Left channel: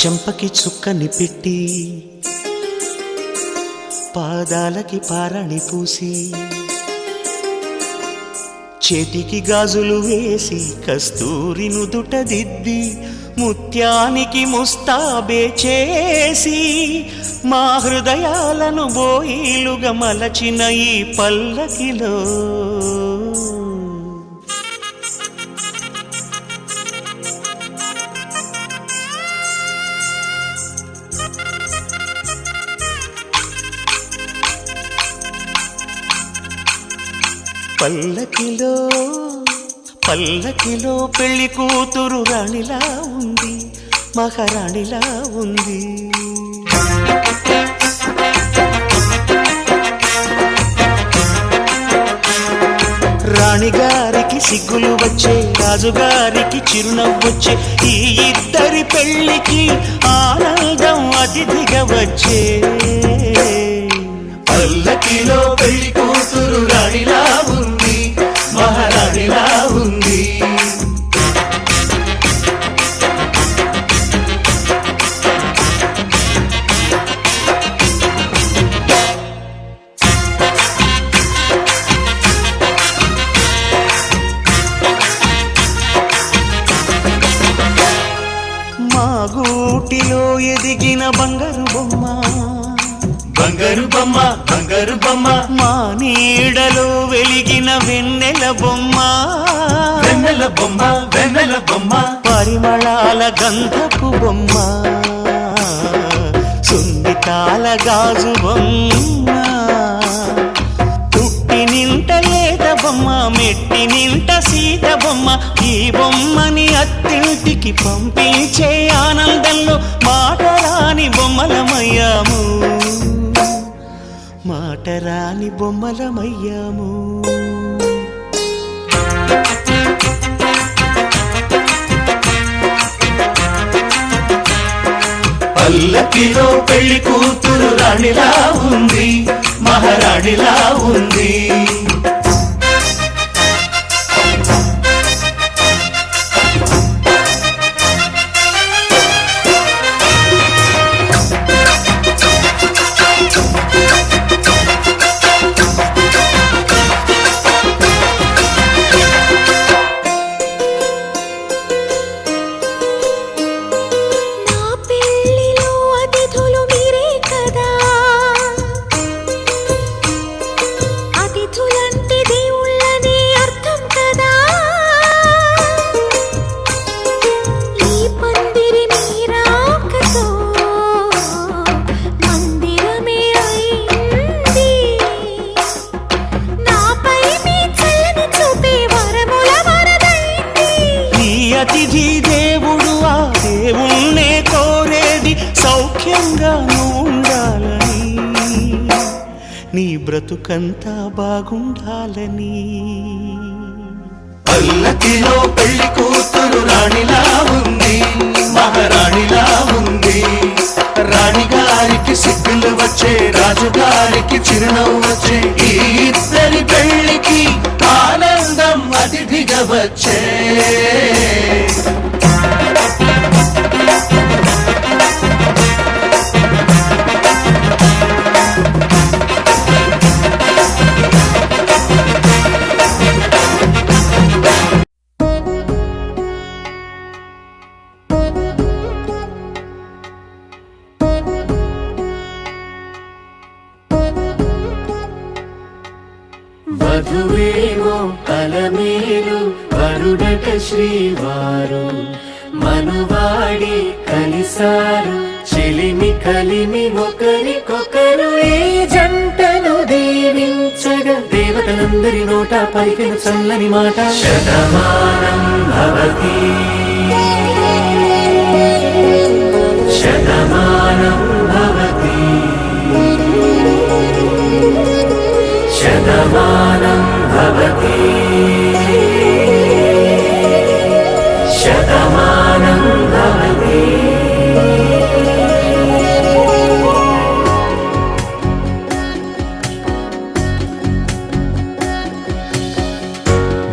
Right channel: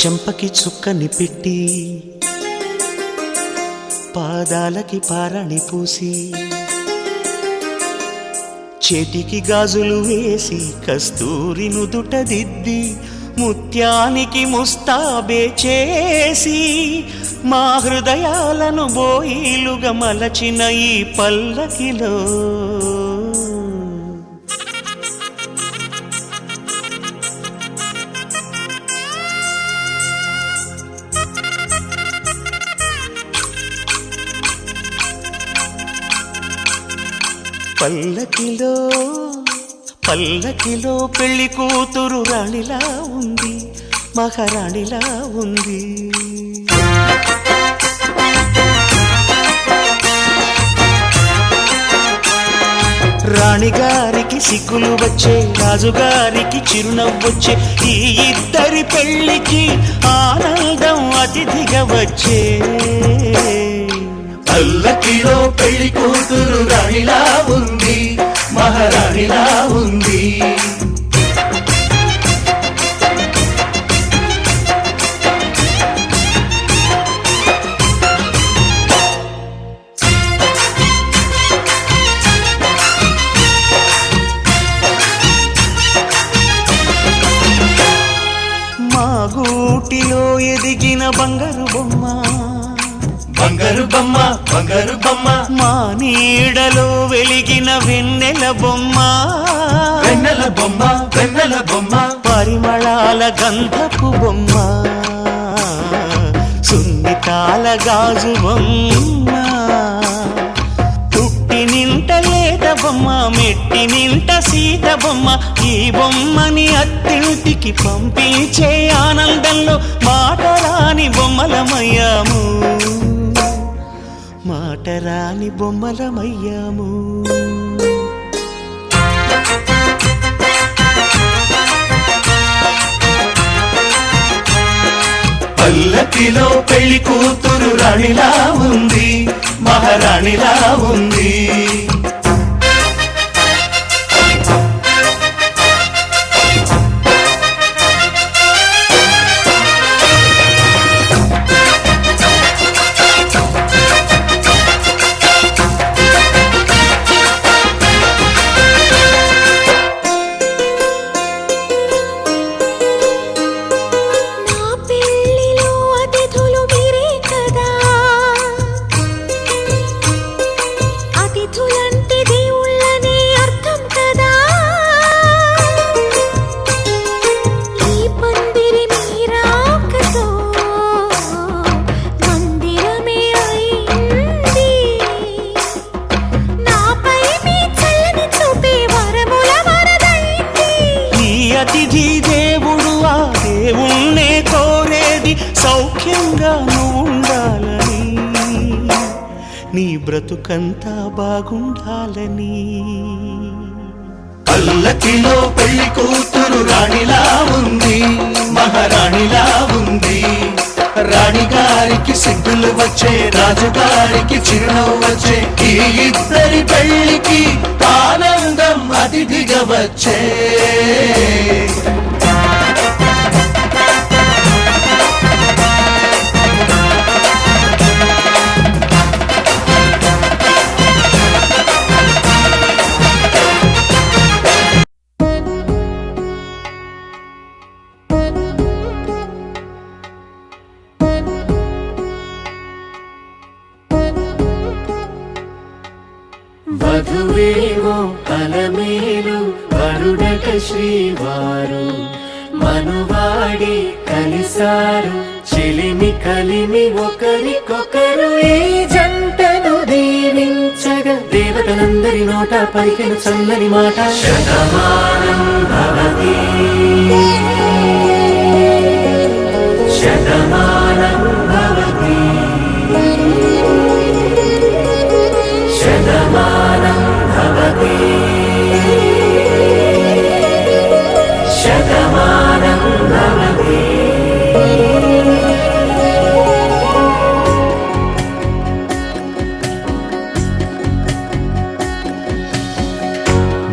చెంపకి చుక్కని పెట్టి పాదాలకి పారాణి పూసి చేతికి గాజులు వేసి కస్తూరి నుదుట దిద్ది ముత్యానికి ముస్తాబే చేసి మా హృదయాలను బోయిలుగా మలచిన ఈ పల్లకిలో పల్లకిలో పల్లకిలో పెళ్లి కూతురు రాణిలా ఉంది, మహారాణిలా ఉంది. రాణిగారికి సిగ్గులు వచ్చే, రాజుగారికి చిరునవ్వొచ్చే, ఈ ఇద్దరి పెళ్లికి ఆనందం అతిథిగా వచ్చే. పల్లకిలో పెళ్లి కూతురు రాణిలా ఉంది, మహారాణిలా ఉంది. మా గూటిలో ఎదిగిన బంగారు బొమ్మ, బంగారు బొమ్మ, బంగారు బొమ్మ. మా నీడలో వెలిగిన వెన్నెల బొమ్మ, వెన్నెల బొమ్మ, వెన్నెల బొమ్మ. పరిమళాల గంధపు బొమ్మ, సున్నితాల గాజు బొమ్మ. పుట్టి నింట లేత బొమ్మ, మెట్టి నింట సీత బొమ్మ. ఈ బొమ్మని అత్తింటికి పంపించే ఆనందంలో మాటరాని బొమ్మలమయ్యాము, మాటరాని బొమ్మలమయ్యాము. పల్లకిలో పెళ్లి కూతురు రాణిలా ఉంది, మహారాణిలా ఉంది. అతిథి దేవుడు ఆ దేవుణ్ణే కోరేది సౌఖ్యంగా నువ్వు ఉండాలని, నీ బ్రతుకంతా బాగుండాలని. పల్లకిలో పెళ్లి కూతురు రాణిలా ఉంది, మహారాణిలా ఉంది. రాణిగారికి సిగ్గులు వచ్చే, రాజుగారికి చిరునవ్వు వచ్చే, ఈ ఇద్దరి పెళ్లికి ఆనందం అతిథిగా వచ్చే. వధువేమో అలమేలు, వరుడట శ్రీవారు. మనువాడి కలిసారు, చెలిమి కలిమి ఒకరికొకరు. ఈ జంటను దీవించగా దేవతలందరి నోట పలికిన చల్లని మాట. శతమానం భవతి, శతమానం భవతి, శతమానం భవతి, శతమానం భవతి.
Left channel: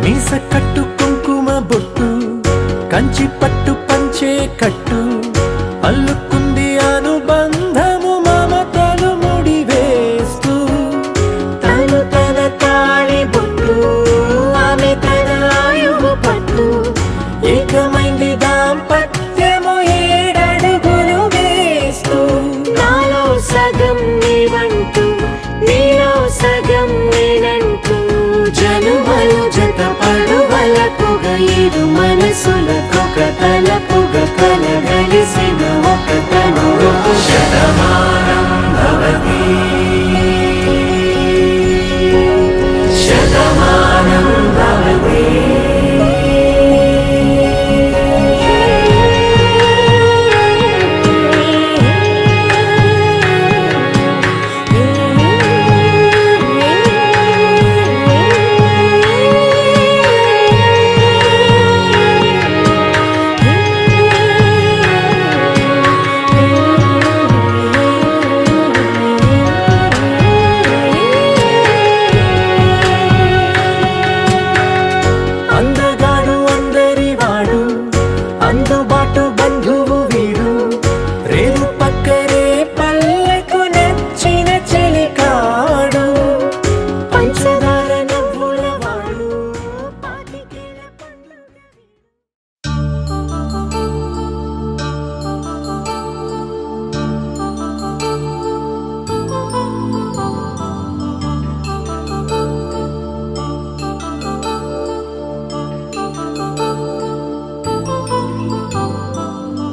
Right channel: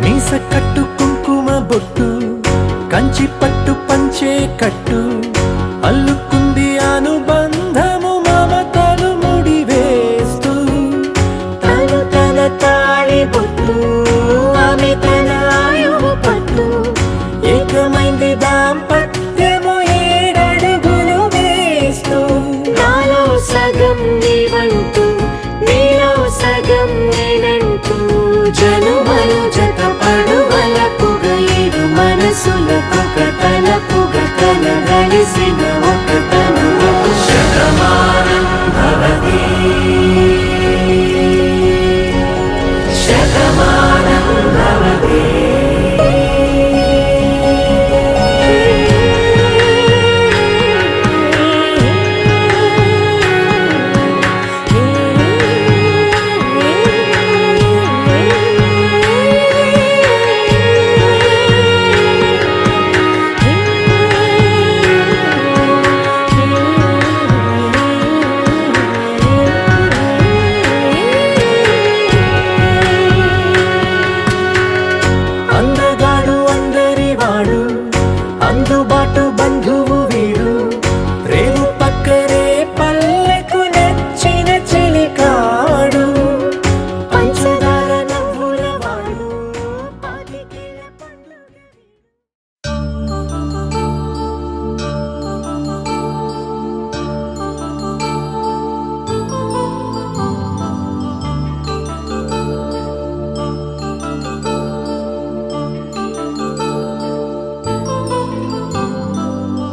మీస కట్టు కుంకుమ బొట్టు, కంచి పట్టు పంచే కట్టు, అల్లుకుంది అనుబంధము మమతలు ముడివేస్తూ తను తన తాళి బొట్టు ఆమె తన ఆయువు పట్టు ఏకమైంది దాంపత్యము 7 అడుగులు వేస్తూ నాలో సగం నీవంటూ నీలో సగం నేనంటూ జనుమలు జత పడువలపుగ ఇరు మనసులకొక తలపుగ కలగలిసిన ఒక తను శతమానం భవతి శతమానం భవతి అందగాడు అందరివాడు అందుబాటు బంధువు వీడు రేవు పక్కరే పల్లెకు నచ్చిన చెలికాడు పంచదార నవ్వుల వాడు పాతికేళ్ల పండుగ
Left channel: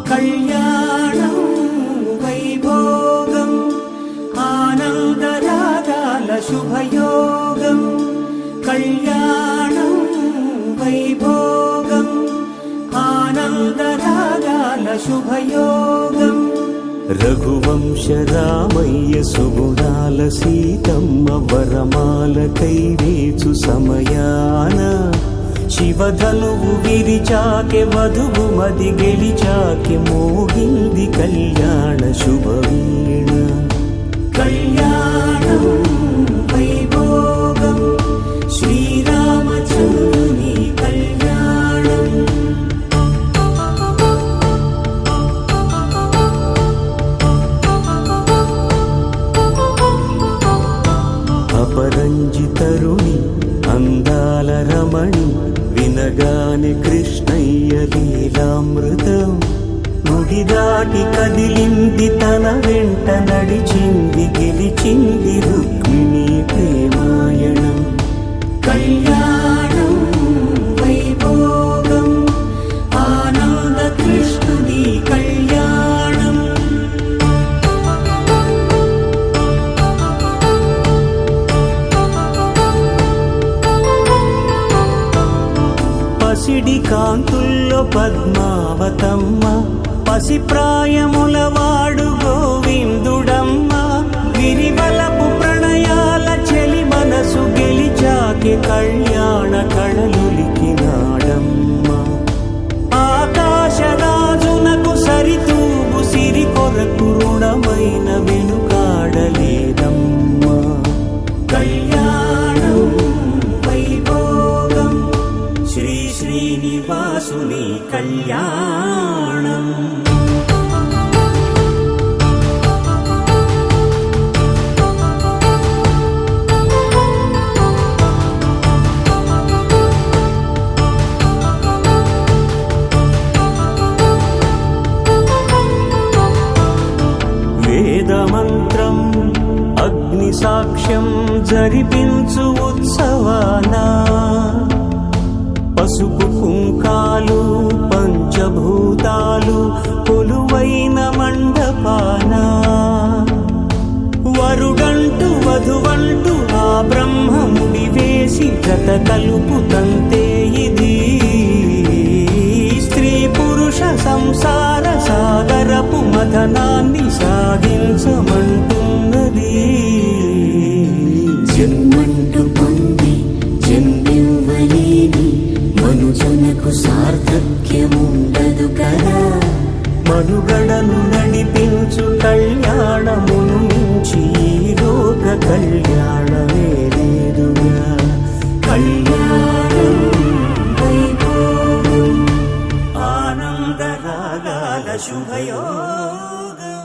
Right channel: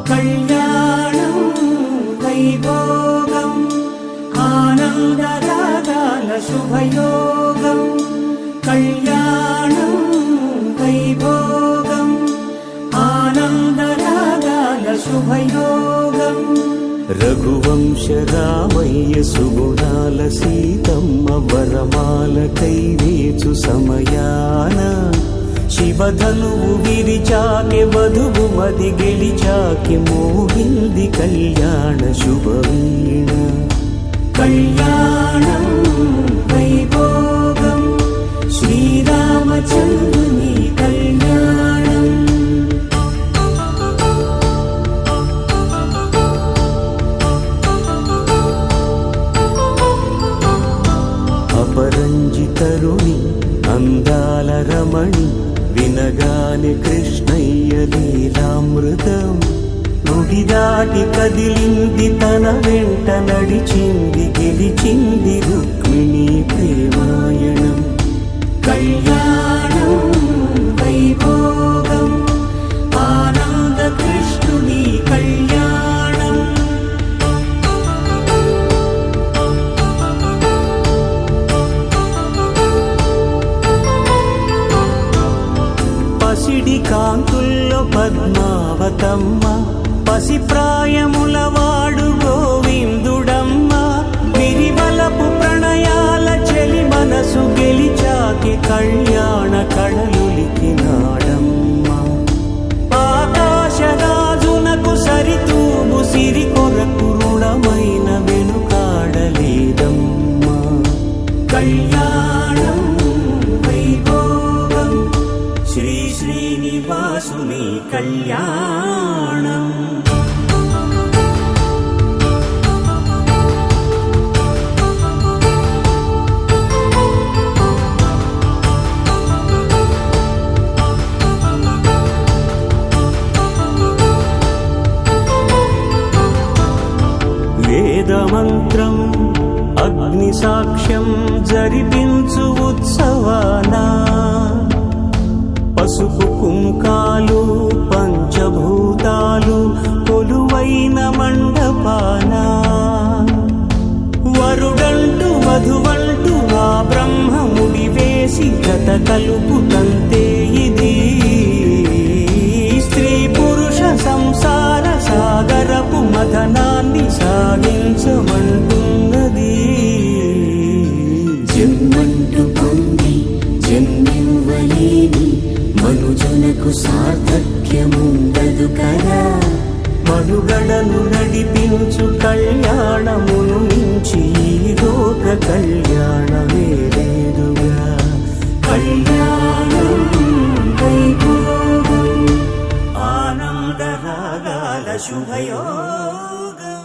కళ్యాణం వైభోగం ఆనందరాగాల శుభయోగం కళ్యాణం వైభోగం ఆనందరాగాల శుభయోగం రఘువంశ రామయ్య సుగుణాల సీతమ్మ వరమాల కైవేచు సమయాన శివధనువు విరిచాకె వధువు మది గెలిచాకె మోగింది కళ్యాణ శుభవీణ కళ్యాణం వైభోగం శ్రీరామచంద్రుని కళ్యాణం అపరంజి తరుణి అందాల రమణి వినగానే కృష్ణయ్య లీలామృతం గుడి దాటి కదిలింది తన వెంట నడిచింది గెలిచింది రుక్మిణి ప్రేమాయణం కళ్యాణం వైభోగం ఆనంద కృష్ణుని కళ్యాణం పసిడి కాంతుల్లో పద్మావతమ్మ పసిప్రాయముల వాడు గోవిందుడమ్మ విరివలపు ప్రణయాల చెలి మనసు గెలిచాకె కళ్యాణ కళలులికినాడమ్మ ఆకాశరాజునకు సరితూబు సిరి కొరకు రుణమైన వెనుకాడలేదమ్మా కళ్యాణం వైభోగం శ్రీ శ్రీనివాసుని కళ్యాణం వేదమంత్రం అగ్ని సాక్ష్యం జరిపించు ఉత్సవానా పసుపు కుంకాలు పంచభూతాలు కొలువైన మండపానా వరుడంటూ వధువంటూ ఆ బ్రహ్మముడి వేసి జత కలుపుతంతే ఇది స్త్రీ పురుష సంసార సాగరపు మథనాన్ని సాగించమంటున్నది జన్మంటూ పొంది జన్మివ్వలేని మనుజునకు సార్థక్యముండదు కదా మనుగడను నడిపించు కళ్యాణమును మించి ఈ లోక కళ్యాణమే లేదుగా కళ్యాణం వైభోగం ఆనందరాగా యుగాల శుభయోగం.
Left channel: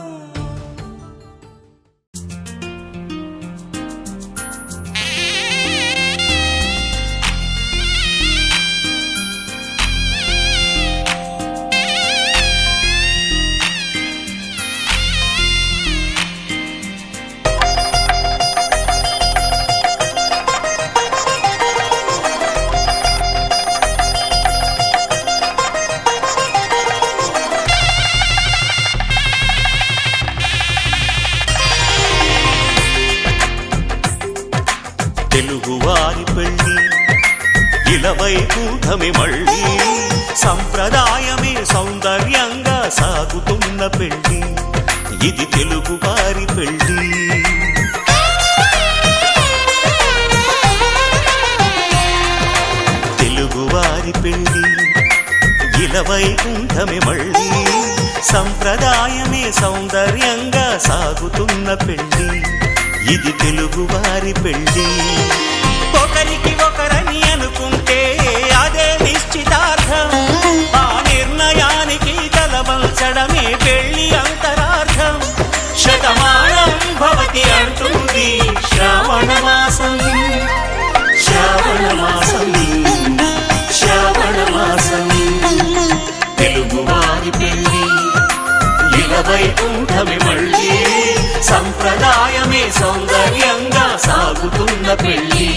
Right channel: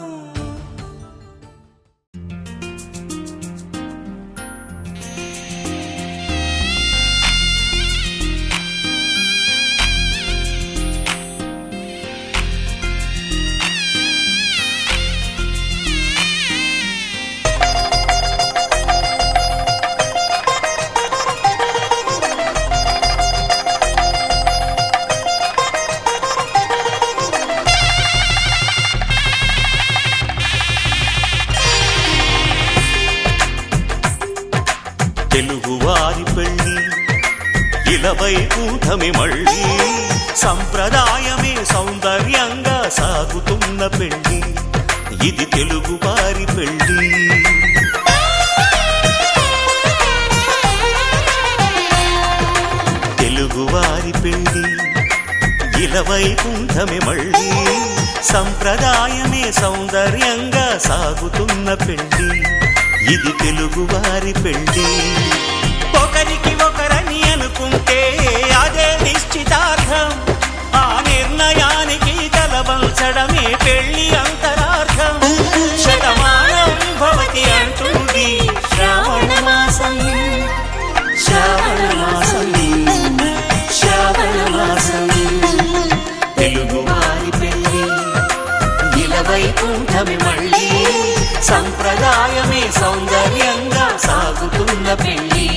తెలుగువారి పెళ్ళి ఇలవైకుంఠమి మళ్ళీ సంప్రదాయమే సౌందర్యంగా సాగుతున్న పెళ్ళి ఇది తెలుగువారి పెళ్ళి. తెలుగువారి పెళ్ళి ఇలవైకుంఠమి మళ్ళీ సంప్రదాయమే సౌందర్యంగా సాగుతున్న పెళ్ళి ఇది తెలుగువారి పెళ్ళి. ఒకరికి ఒకరని అనుకుంటే అదే నిశ్చితార్థం, ఆ నిర్ణయానికి తలవంచడమే పెళ్ళి అంతరార్థం. శతమానం భవతి అంటుంది శ్రావణ మాసం, శ్రావణ మాసం, శ్రావణ మాసం. తెలుగువారి పెళ్ళి ఇలవైకుంఠమి మళ్ళీ సంప్రదాయమే సౌందర్యంగా సాగుతున్న పెళ్ళి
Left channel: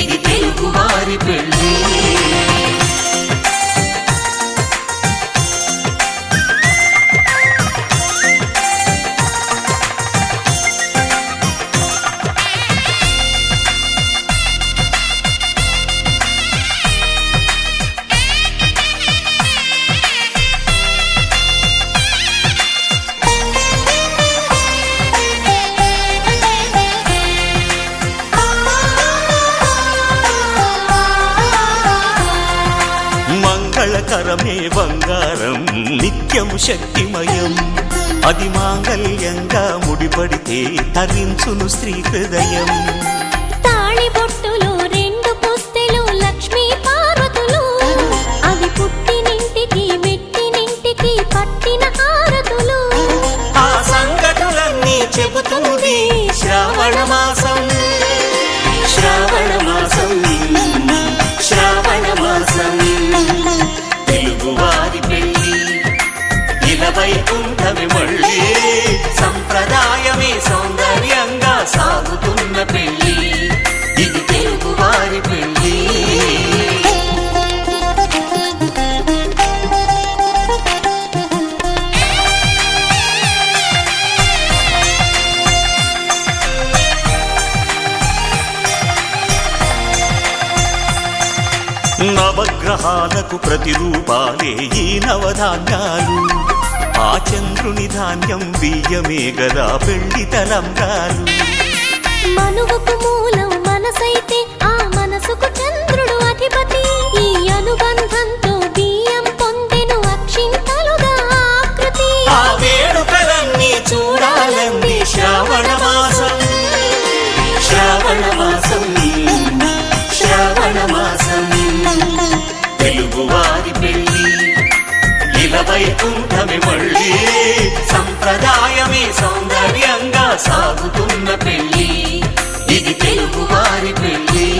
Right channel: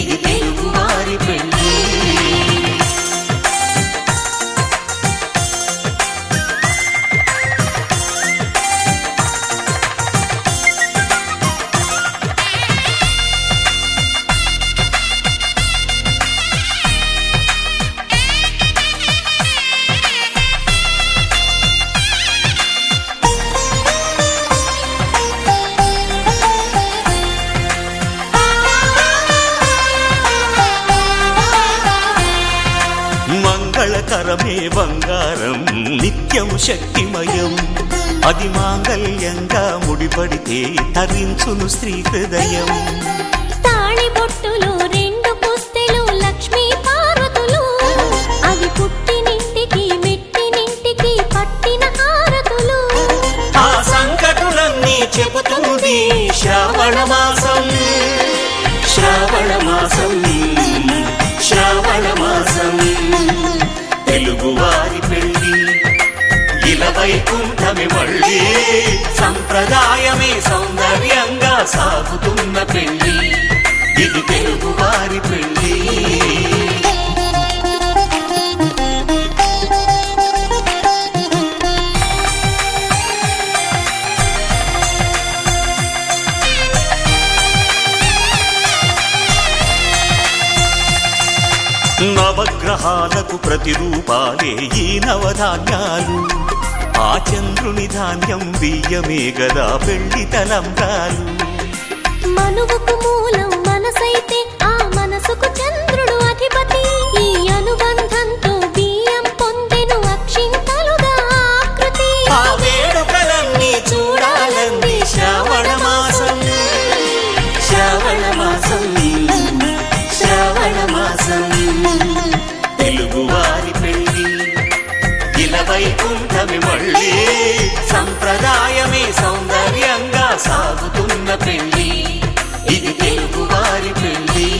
ఇది తెలుగువారి పెళ్ళి. మంగళకరమే బంగారం నిత్యం శక్తిమయం, అది మాంగళ్యంగా ముడిపడితే తరించును స్త్రీ హృదయం. తాళిబొట్టులు రెండు పుస్తెలు లక్ష్మీ పార్వతులు, అవి పుట్టినింటికి మెట్టినింటికి పట్టిన హారతులు. ఆ సంగతులన్నీ చెబుతుంది శ్రావణ మాసం, శ్రావణ మాసం, శ్రావణ మాసం. తెలుగువారి పెళ్ళి ఇలవైకుంఠమి మళ్ళీ సంప్రదాయమే సౌందర్యంగా సాగుతున్న పెళ్ళి ఇది తెలుగువారి పెళ్ళి. నవగ్రహాలకు ప్రతిరూపాలే ఈ నవధాన్యాలు, ఆ చంద్రుని ధాన్యం బియ్యమే గదా పెళ్లి తలంబ్రాలు. మనువుకు మూలం మనసైతే ఆ మనసుకు చంద్రుడు అధిపతి, ఈ అనుబంధంతో బియ్యం పొందెను అక్షింతలుగా ఆకృతి. ఆ వేడుకలన్నీ చూడాలంది శ్రావణ మాసం, శ్రావణ మాసం, శ్రావణ మాసం. తెలుగువారి పెళ్ళి ఇలవైకుంఠమి మళ్ళీ సంప్రదాయమే సౌందర్యంగా సాగుతున్న పెళ్ళి ఇది తెలుగువారి పెళ్ళి.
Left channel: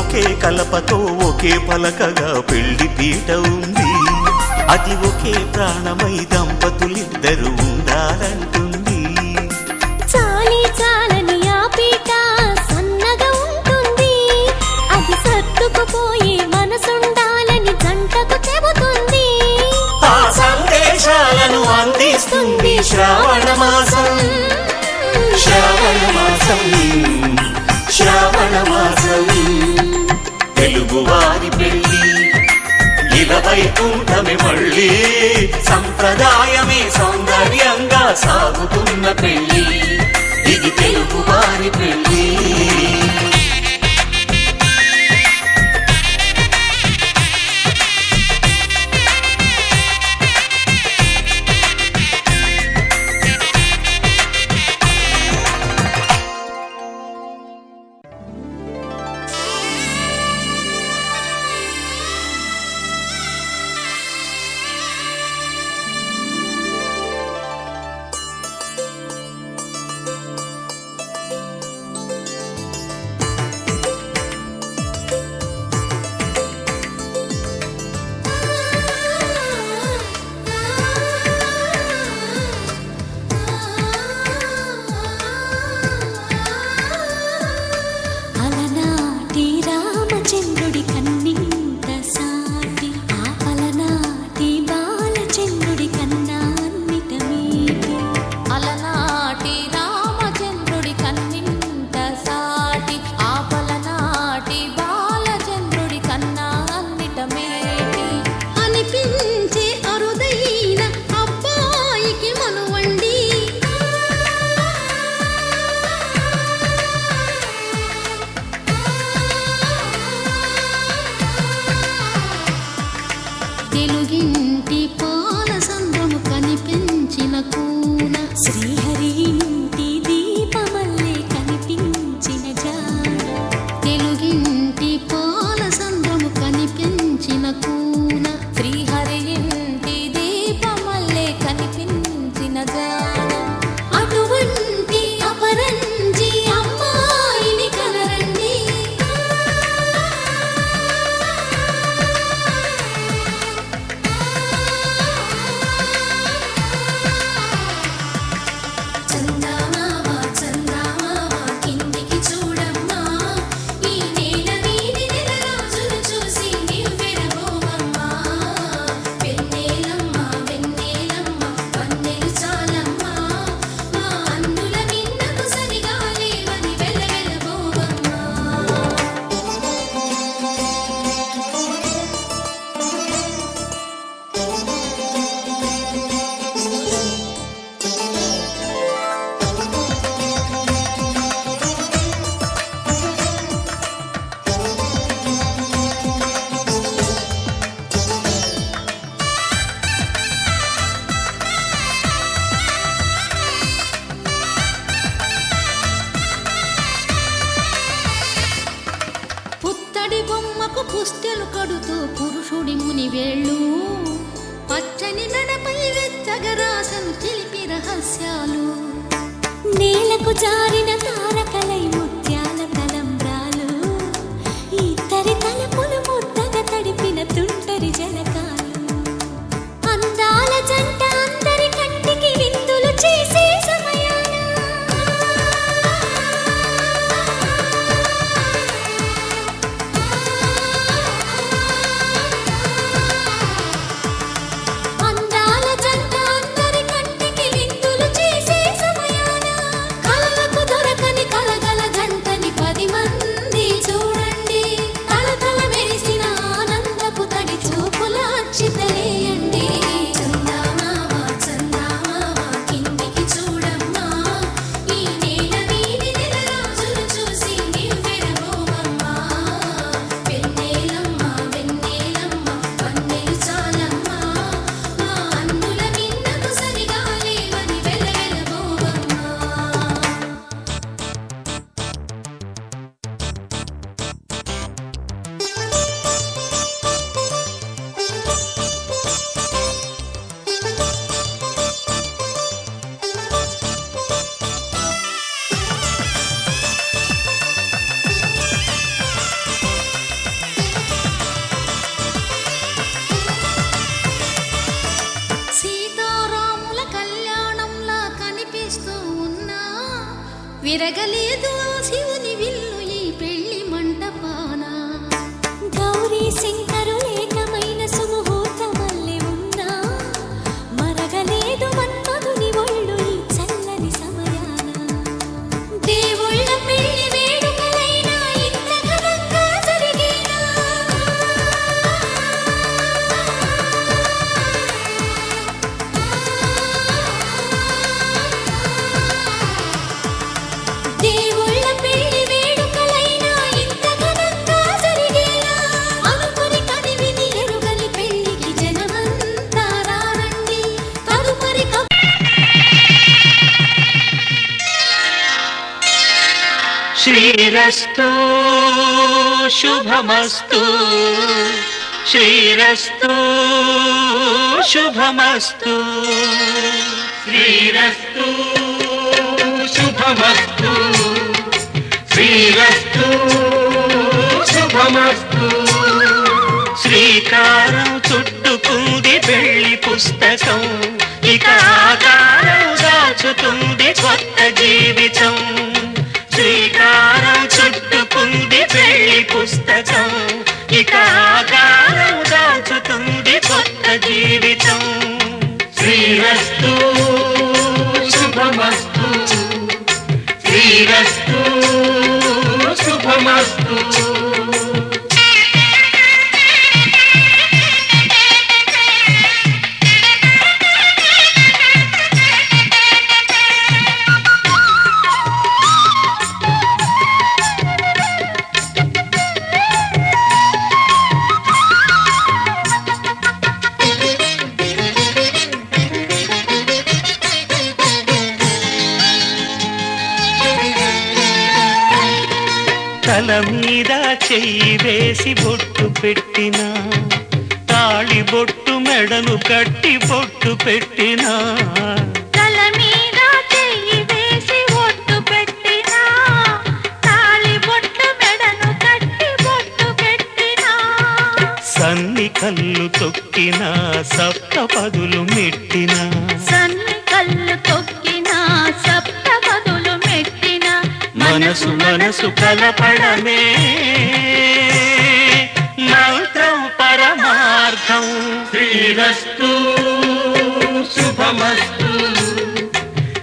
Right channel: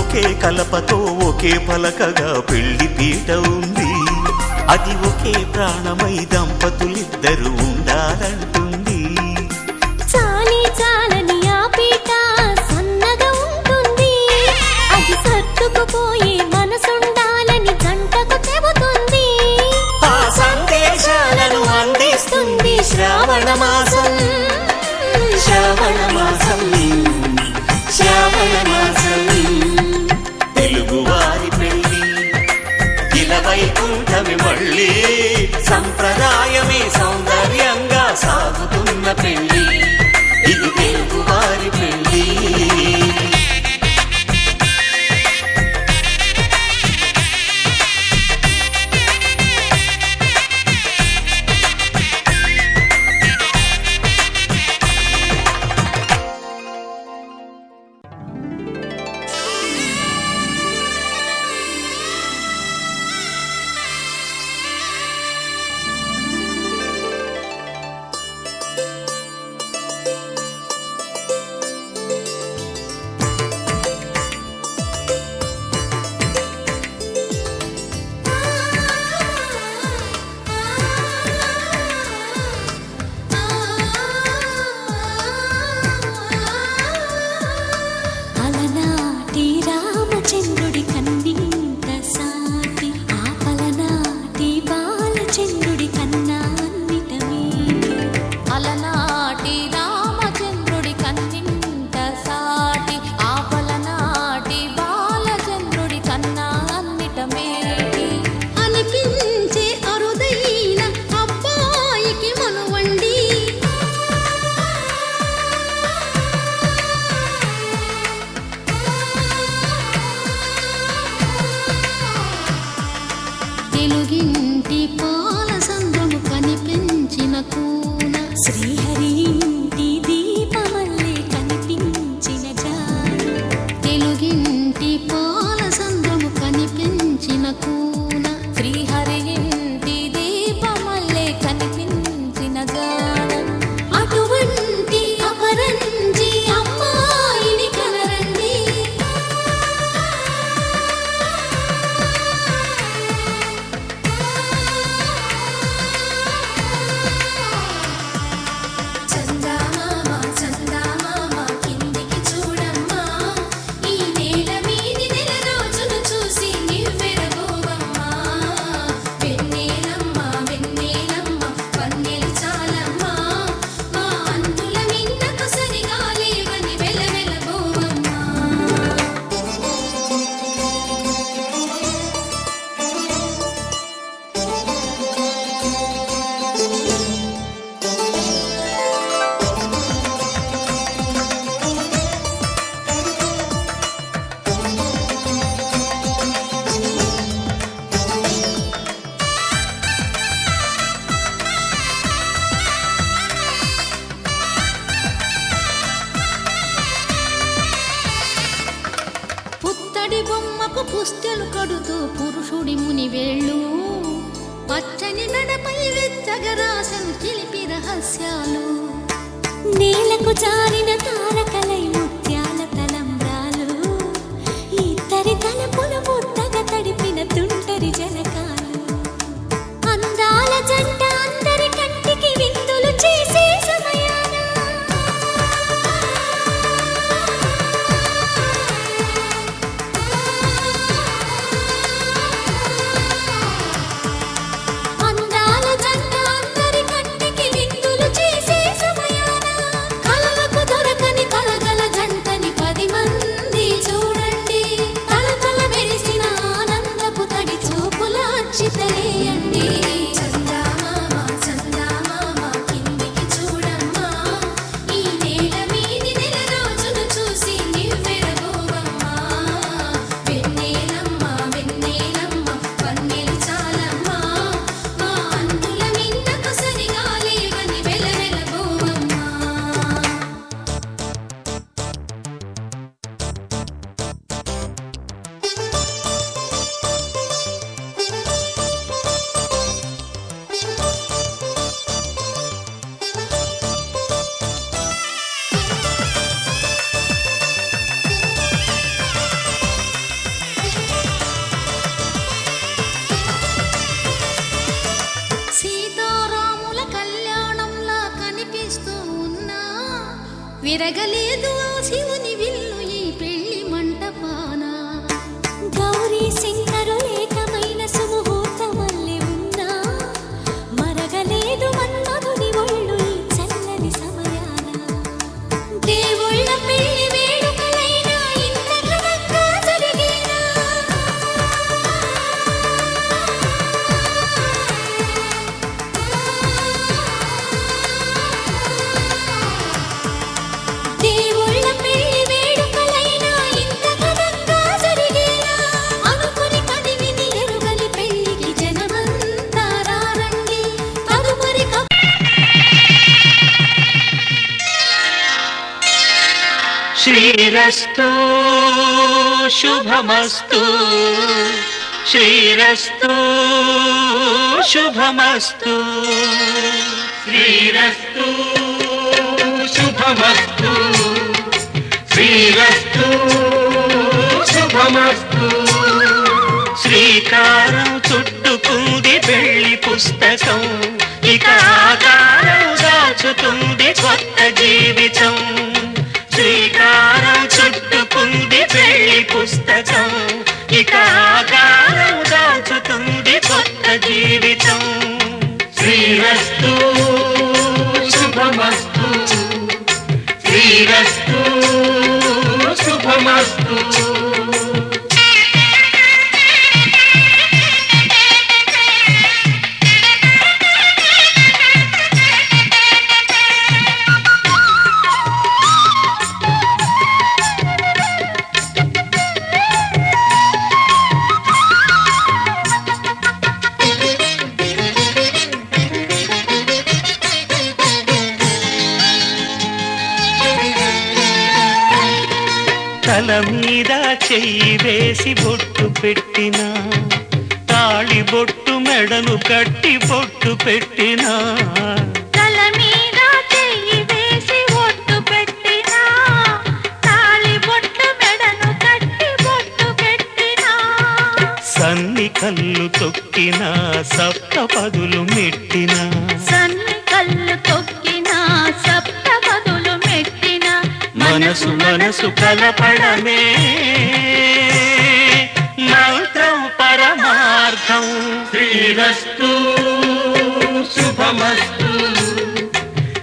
ఒకే కలపతో ఒకే పలకగా పెళ్లి పీట ఉంది, అది ఒకే ప్రాణమై దంపతులిద్దరు ఉండాలంటుంది. చాలి చాలని ఆ పీట సన్నగా ఉంటుంది, అది సర్దుకుపోయే మనసుండాలని జంటకు చెబుతుంది. ఆ సందేశాలను అందిస్తుంది శ్రావణ మాసం, శ్రావణ మాసం, శ్రావణ మాసం. తెలుగువారి పెళ్ళి ఇలవైకుంఠమి మళ్ళీ సంప్రదాయమే సౌందర్యంగా సాగుతున్న పెళ్ళి తెలుగు వారి పెళ్ళి. అలనాటి రామచంద్రుడి కన్నింత సాటి ఆపలనాటి బాలచంద్రుడి కన్నా అన్నిట మీటి. అలనాటి రామచంద్రుడి కన్నింత సాటి ఆపలనాటి బాలచంద్రుడి కన్నా అన్నిట మేటి. అనిపించే అరుదైన అబ్బాయికి మనువండి తెలుగింటి పాల సంద్రము కనిపించిన కూన శ్రీహరి ఇంటి దీపమల్లే కనిపించిన జాడ. తెలుగింటి పాల సంద్రము కనిపించిన కూన శ్రీహరి ఇంటి దీపమల్లే కనిపించిన జాడ. అటువంటి అపరంజి అమ్మాయిని కనరండి. చందమామ చందమామ కిందికి చూడమ్మా, ఈ నేల వీధి నెల రోజులు చూసి నివ్వెరబోవమ్మా. వెన్నెలమ్మ వెన్నెలమ్మ వన్నెలు చాలమ్మా, మా అందుల మిన్నకు సరిగా లేవని వెలవెలబోవమ్మా. పుత్తడి బొమ్మకు పుస్తెలు కడుతూ పురుషుడి ముని వేళ్ళు, పచ్చని మెడపై వెచ్చగరాసను చిలిపి రహస్యాలు. నేలకు జారిన తారకలై ముత్యాల తలంబ్రాలు, ఇద్దరి తలపులు ముద్దగా తడిపిన తుంటరి జలకాలు. అందాల జంట అందరి కంటికి విందులు చేసే సమయాన అందాల జంట అందరి కంటికి విందులు చేసే సమయాన కలలకు దొరకని కలగల జంటని 10 మంది చూడండి. తలతల మెరిసిన ఆనందపు తడి చూపుల అక్షితలేయండి. చందమామ చందమామ కిందికి చూడమ్మా, ఈ నేల వీధి నెల రోజులు చూసి నివ్వెరబోవమ్మా. వెన్నెలమ్మ వెన్నెలమ్మ వన్నెలు చాలమ్మా, మా అందుల మిన్నకు సరిగా లేవని వెలవెలబోవమ్మా. సీతారాముల కళ్యాణంలా కనిపిస్తూ ఉన్నా, విరగలేదు ఆ శివుని విల్లు ఈ పెళ్లి మంటపాన. గౌరీ శంకరులేకమైన సుముహూర్తమల్లె ఉన్నా, మరగలేదు మన్మధుని ఒళ్ళు ఈ చల్లని సమయాన. దేవుళ్ళ పెళ్లి వేడుకలైనా ఇంత ఘనంగా జరిగేనా? శ్రీరస్తు శుభమస్తు శ్రీరస్తు శుభమస్తు శ్రీరస్తు శుభమస్తు శ్రీరస్తు శుభమస్తు శ్రీకారం చుట్టుకుంది పెళ్లి పుస్తకం ఇక ఆకారం దాచుతుంది కొత్త జీవితం శ్రీకారం చుట్టుకుంది పెళ్లి పుస్తకం ఇక ఆకారం దాచుతుంది కొత్త జీవితం శ్రీరస్తు శుభమస్తు శ్రీరస్తు శుభమస్తు తల మీద చెయ్యి వేసి బొట్టు పెట్టినా తాళి బొట్టు మెడను కట్టి బొట్టు పెట్టినా తల మీద చెయ్యి వేసి బొట్టు పెట్టినా తాళి బొట్టు మెడను కట్టి బొట్టు పెట్టినా సన్ని కళ్ళు తొక్కినా సప్త పదులు మెట్టినా సన్ని కళ్ళు తొక్కినా సప్త పదులు మెట్టినా మనసు మనసు కలపడమే మంత్రం పరమార్థం శ్రీరస్తు శుభమస్తు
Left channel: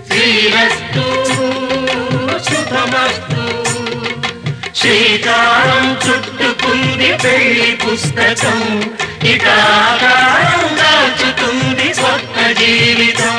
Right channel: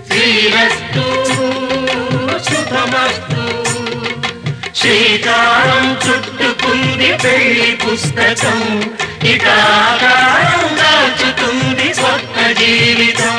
శ్రీరస్తు శుభమస్తు శ్రీకారం చుట్టుకుంది పెళ్లి పుస్తకం ఇక ఆకారం దాచుతుంది కొత్త జీవితం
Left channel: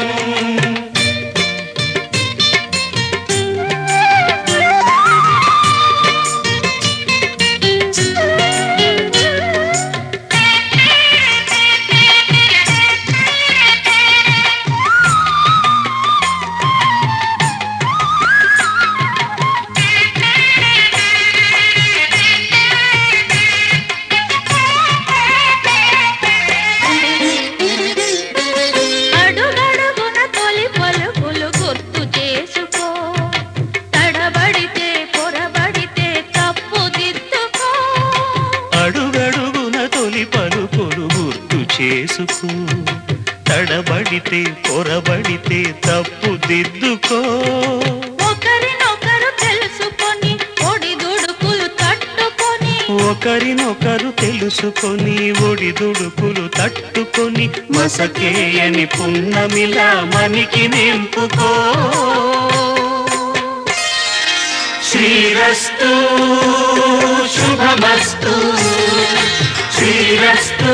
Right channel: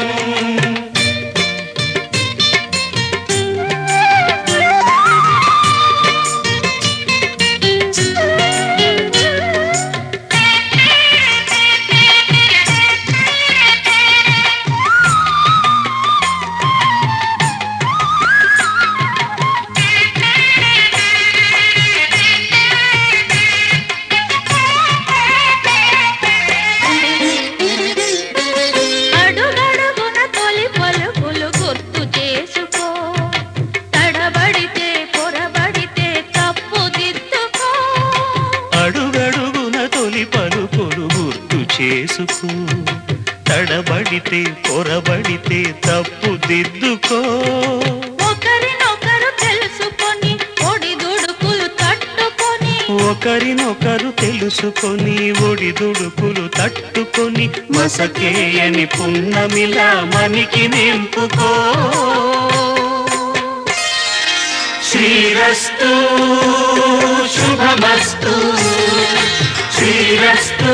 చేసుకో తడబడితే పొరబడితే తప్పు దిద్దుకో ఒకరినొకరు తెలుసుకొని ఒడిదుడుకులు తట్టుకొని ఒకరినొకరు తెలుసుకొని ఒడిదుడుకులు తట్టుకొని మసకేయని పున్నమిలా మనికి నింపుకో శ్రీరస్తు శుభమస్తు శ్రీరస్తు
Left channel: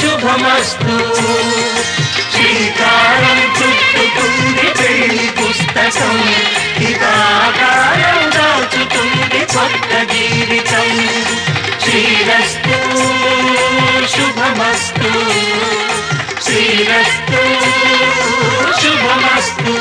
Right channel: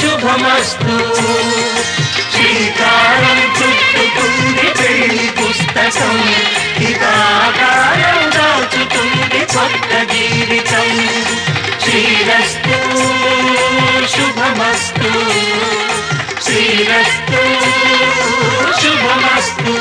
శుభమస్తు శ్రీకారం చుట్టుకుంది పెళ్లి పుస్తకం ఇక ఆకారం దాచుతుంది కొత్త జీవితం శ్రీరస్తు శుభమస్తు శ్రీరస్తు శుభమస్తు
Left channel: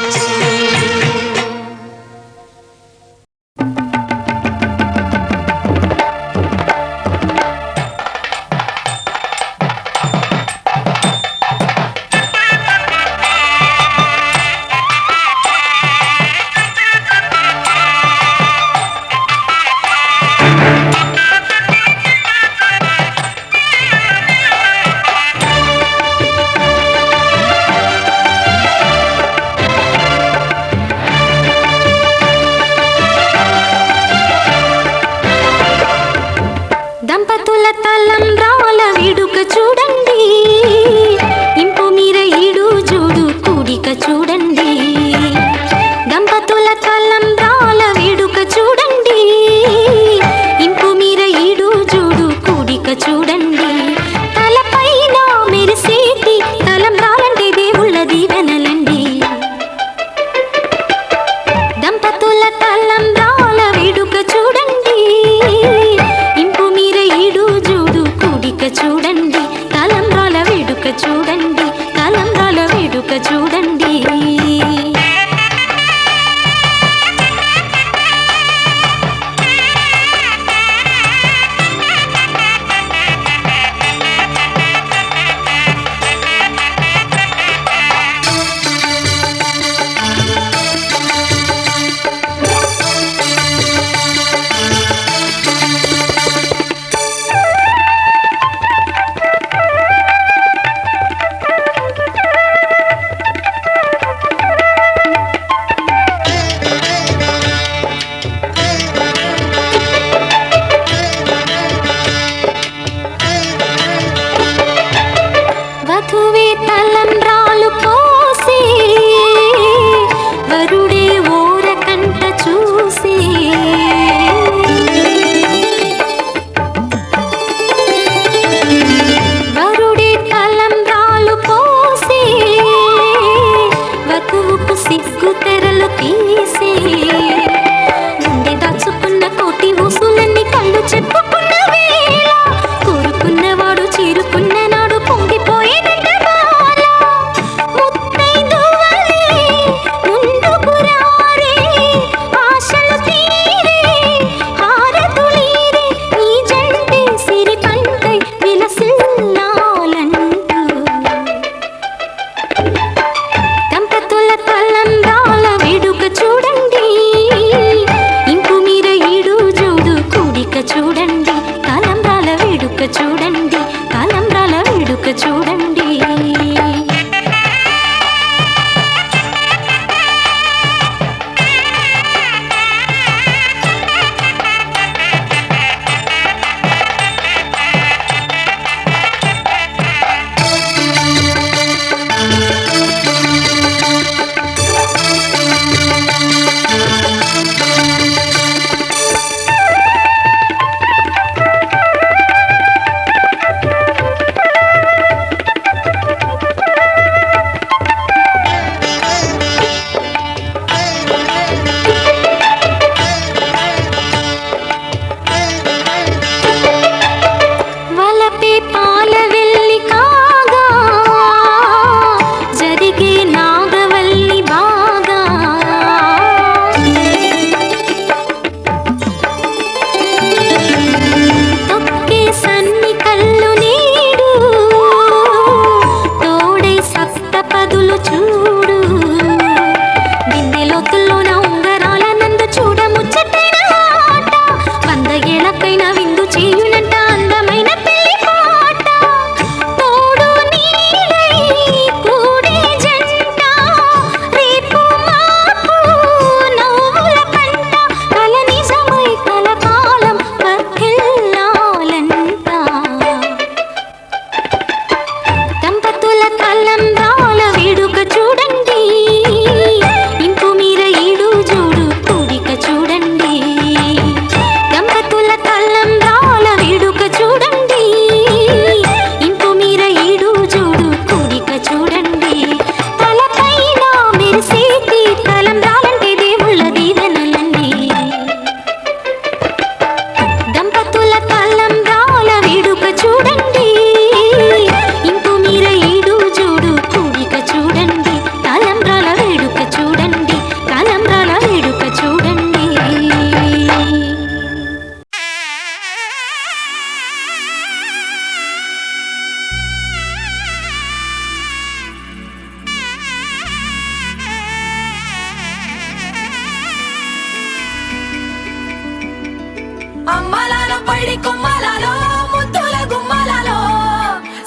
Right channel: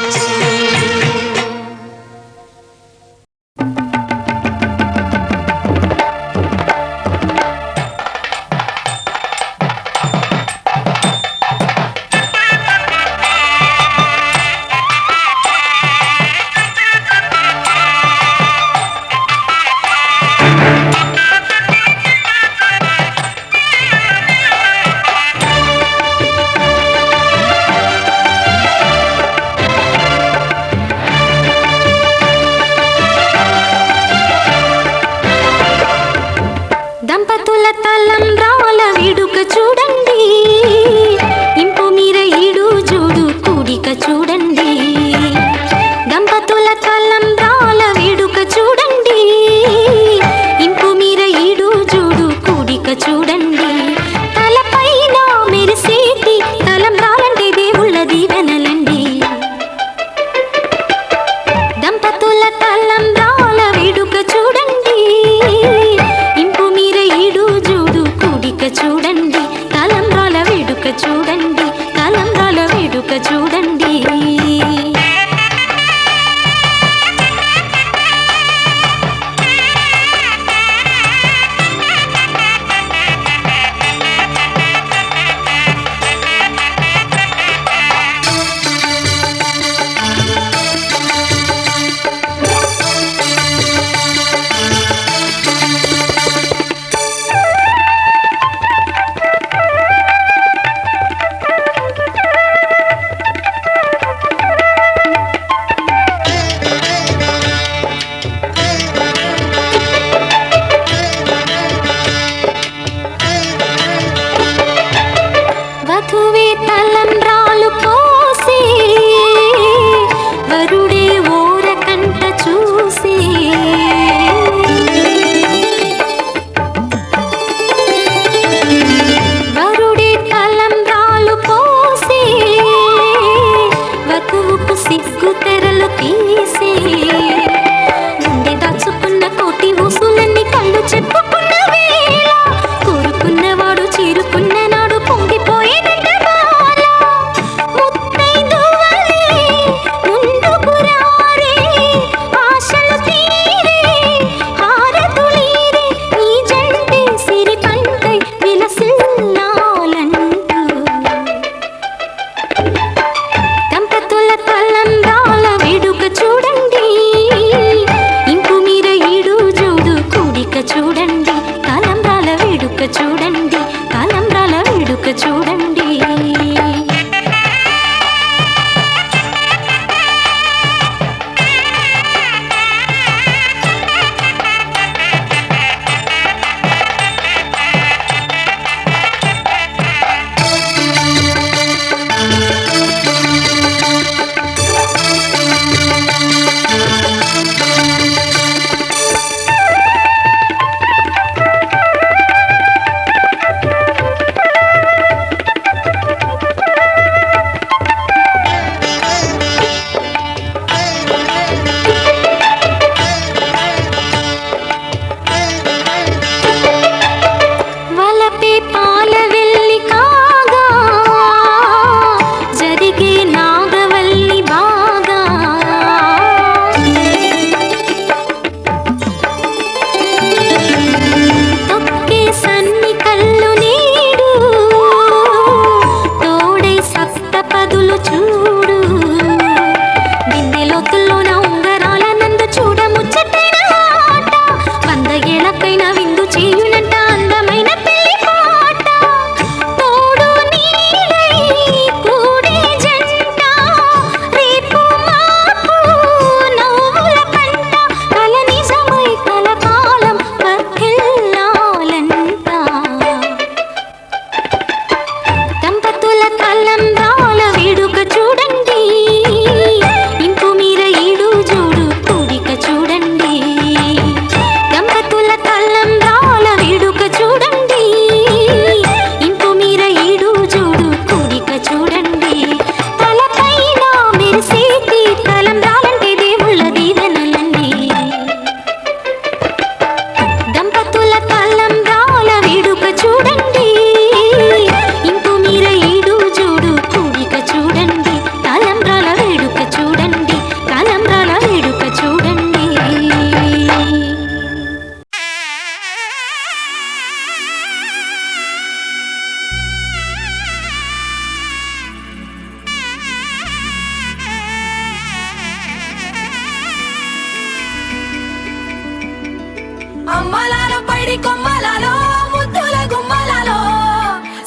పైడి కొమ్మలలో ముద్దుల గుమ్మలలో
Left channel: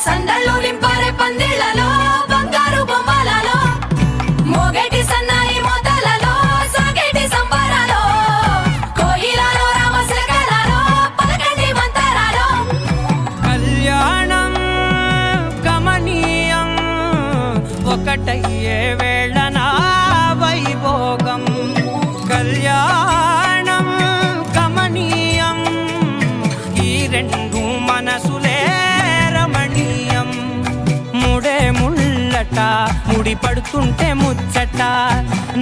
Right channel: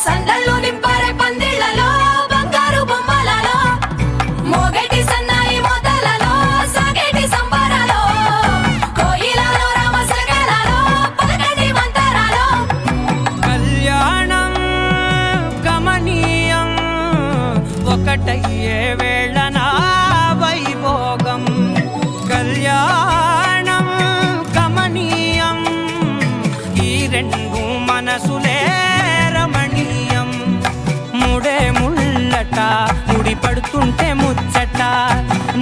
సందళ్ళు నింపారే పందిళ్లలో బంగారు బొమ్మలలో మోగేటి సన్నాయి మోతలలో సాగేటి సంబరాలో కోయిలలో రామశకలలో పలకటి మంతరాలో కళ్యాణం గమనీయం ఒకటయ్యే వేళ నా వైభోగం కళ్యాణం గమనీయం ఈ రెండు మనసులే రమణీయం ముడే ముళ్ళట ముడి పడుతుంటే ముచ్చట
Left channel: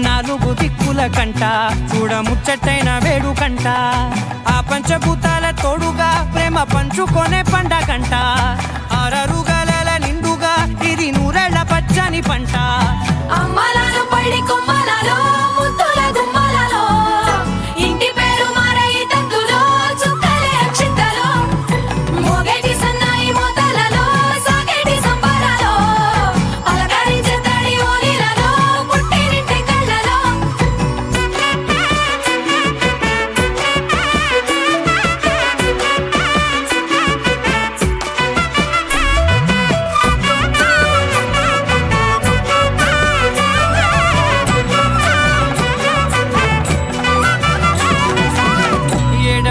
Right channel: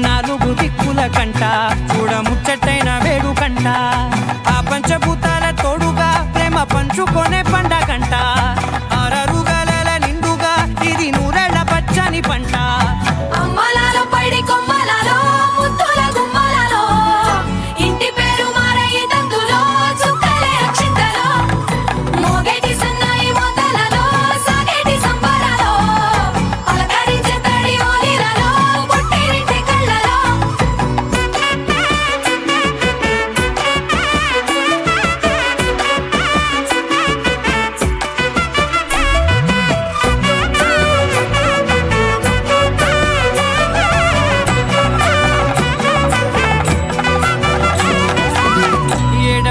నాలుగు దిక్కుల కంట చూడ ముచ్చటైన వేడుకంట ఆ పంచభూతాల తోడుగా ప్రేమ పంచుకొనే పండగంట అరరుగల నిండుగా ఇది నూరెళ్ళ పచ్చని పంట అమ్మలలో పైడి కొమ్మలలో ముద్దుల గుమ్మలలో ఇంటి పేరు మారయి తందులో చుక్కలే అక్షింతలో మోగేటి సన్నాయి మోతలలో సాగేటి సంబరాలో పలకరించే తడి ఓలిలలో పుట్టినింటి కళ్ళలో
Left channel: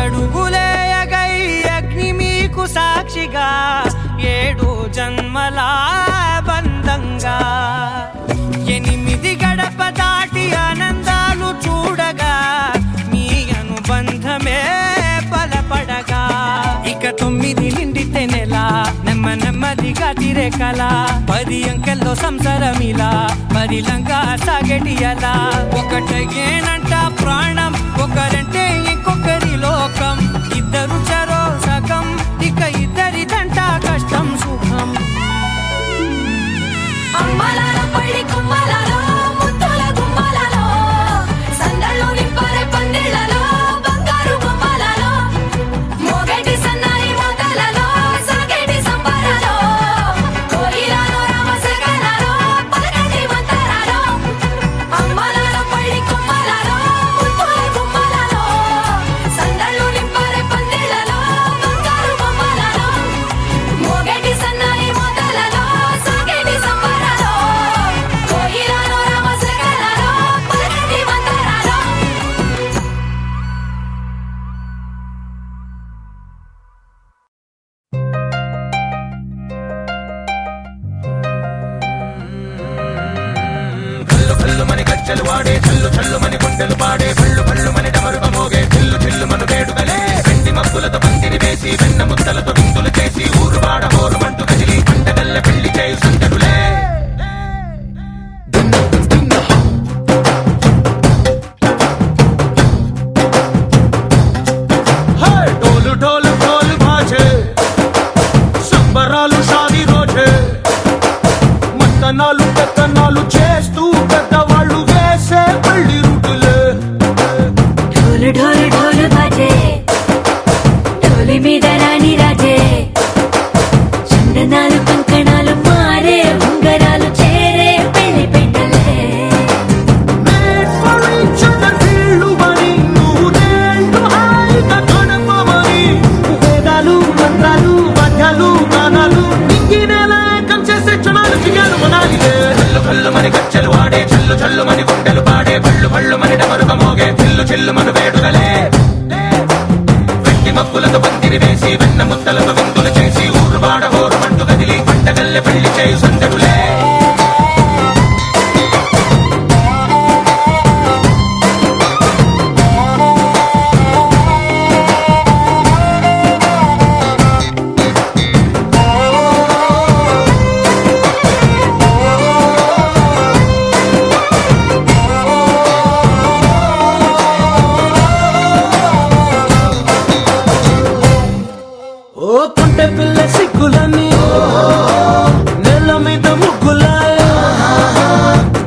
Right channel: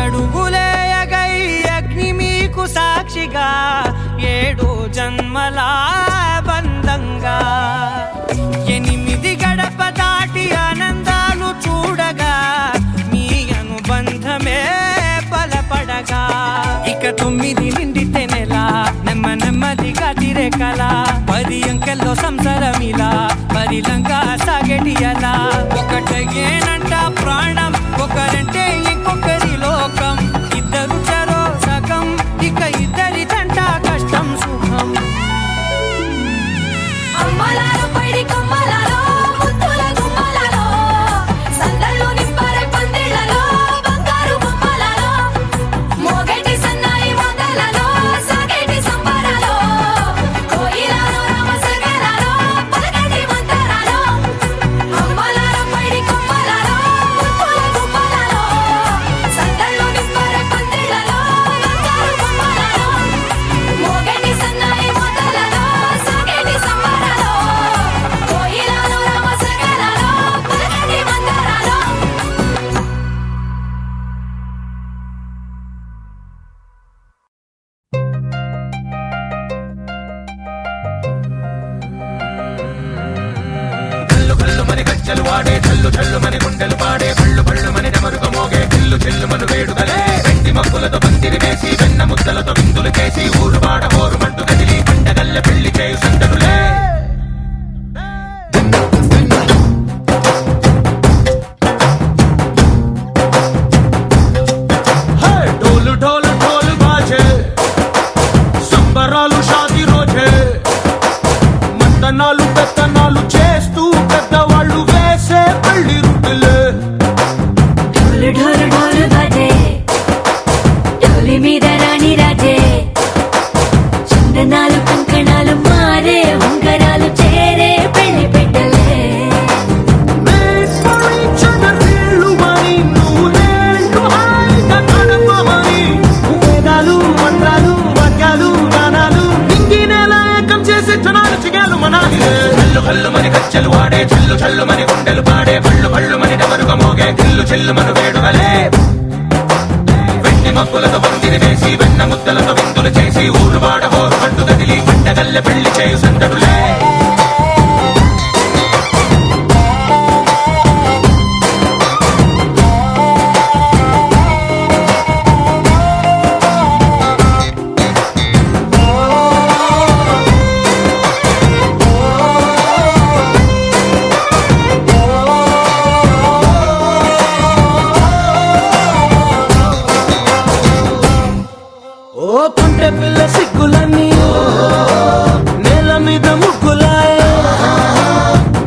ఏడడుగులేయగై అగ్ని మీకు సాక్షిగా ఏడు జన్మల బంధంగా 8 గడప దాటి ఆనందాలు చూడగా మీ అనుబంధమే బలపడగా ఇక 9 నిండితే నెల నెమ్మదిగా తిరేకల 10 అంకెల్లో సంసారమిలా పరిలంగా సాగటి అలా ఒకటేనంట ప్రాణం ఒకరంటే ఇంకొకరి లోకం ఇద్దరు చరో సగం ఇక ఇద్దరిదంట కష్టం సుఖం అమ్మలలో పైడి కొమ్మలలో ముద్దుల గుమ్మలలో సందళ్ళు నింపారే పందిళ్లలో బంగారు బొమ్మలలో మోగేటి సన్నాయి మోతలలో సాగేటి సంబరాలో కోయిలలో రామశకలలో పలకటి మంతరాలో అమ్మలలో పైడి కొమ్మలలో ముద్దుల గుమ్మలలో సందళ్ళు నింపారే పందిళ్లలో బంగారు బొమ్మలలో మోగేటి సన్నాయి మోతలలో సాగేటి సంబరాలో కోయిలలో రామశకలలో పలకటి మంతరాలో ढोल ढोल ढोल बाजे సంబరాలు షాదీ రోజే మంతనాలు పెత్తనాలు చేస్తూ పెద్దవాళ్ళు వేసే పెళ్లి రుటులే ढोल ढोल ढोल बाजे ढोली మీద రాణి రాజే చిన్నదాలు కంకణాలు మారే ఉంగరాలు చేరే పెళ్లి పెట్టలే చిన్న వీళ్ళు మరి నూరేళ్ళు హాయిగా గడపమని వేదాలు మంత్రాలు వాద్యాలు గానాలు నింగినేల ఏకం చేసే క్షణాలు చిగాలు మనాలిలే హల్లు హల్లు మని గజ్జలు వాడే చల్లు చల్లు మని గుండెలు పాడే పళ్ళు పళ్ళు మని డమరుగ మోగే చిల్లు చిల్లు మన వేడుకలే వెండి మబ్బులతో పందిరి వేసి వెన్న ముద్దలతో విందులు చేసి ఊరు వాడ హోరు మంటు గదిలి పంటగల్లె పెళ్లి చేయు సందడులే ఓ పుంటె పిల్ల సిక్కులని నేల మీద ముగ్గులాయ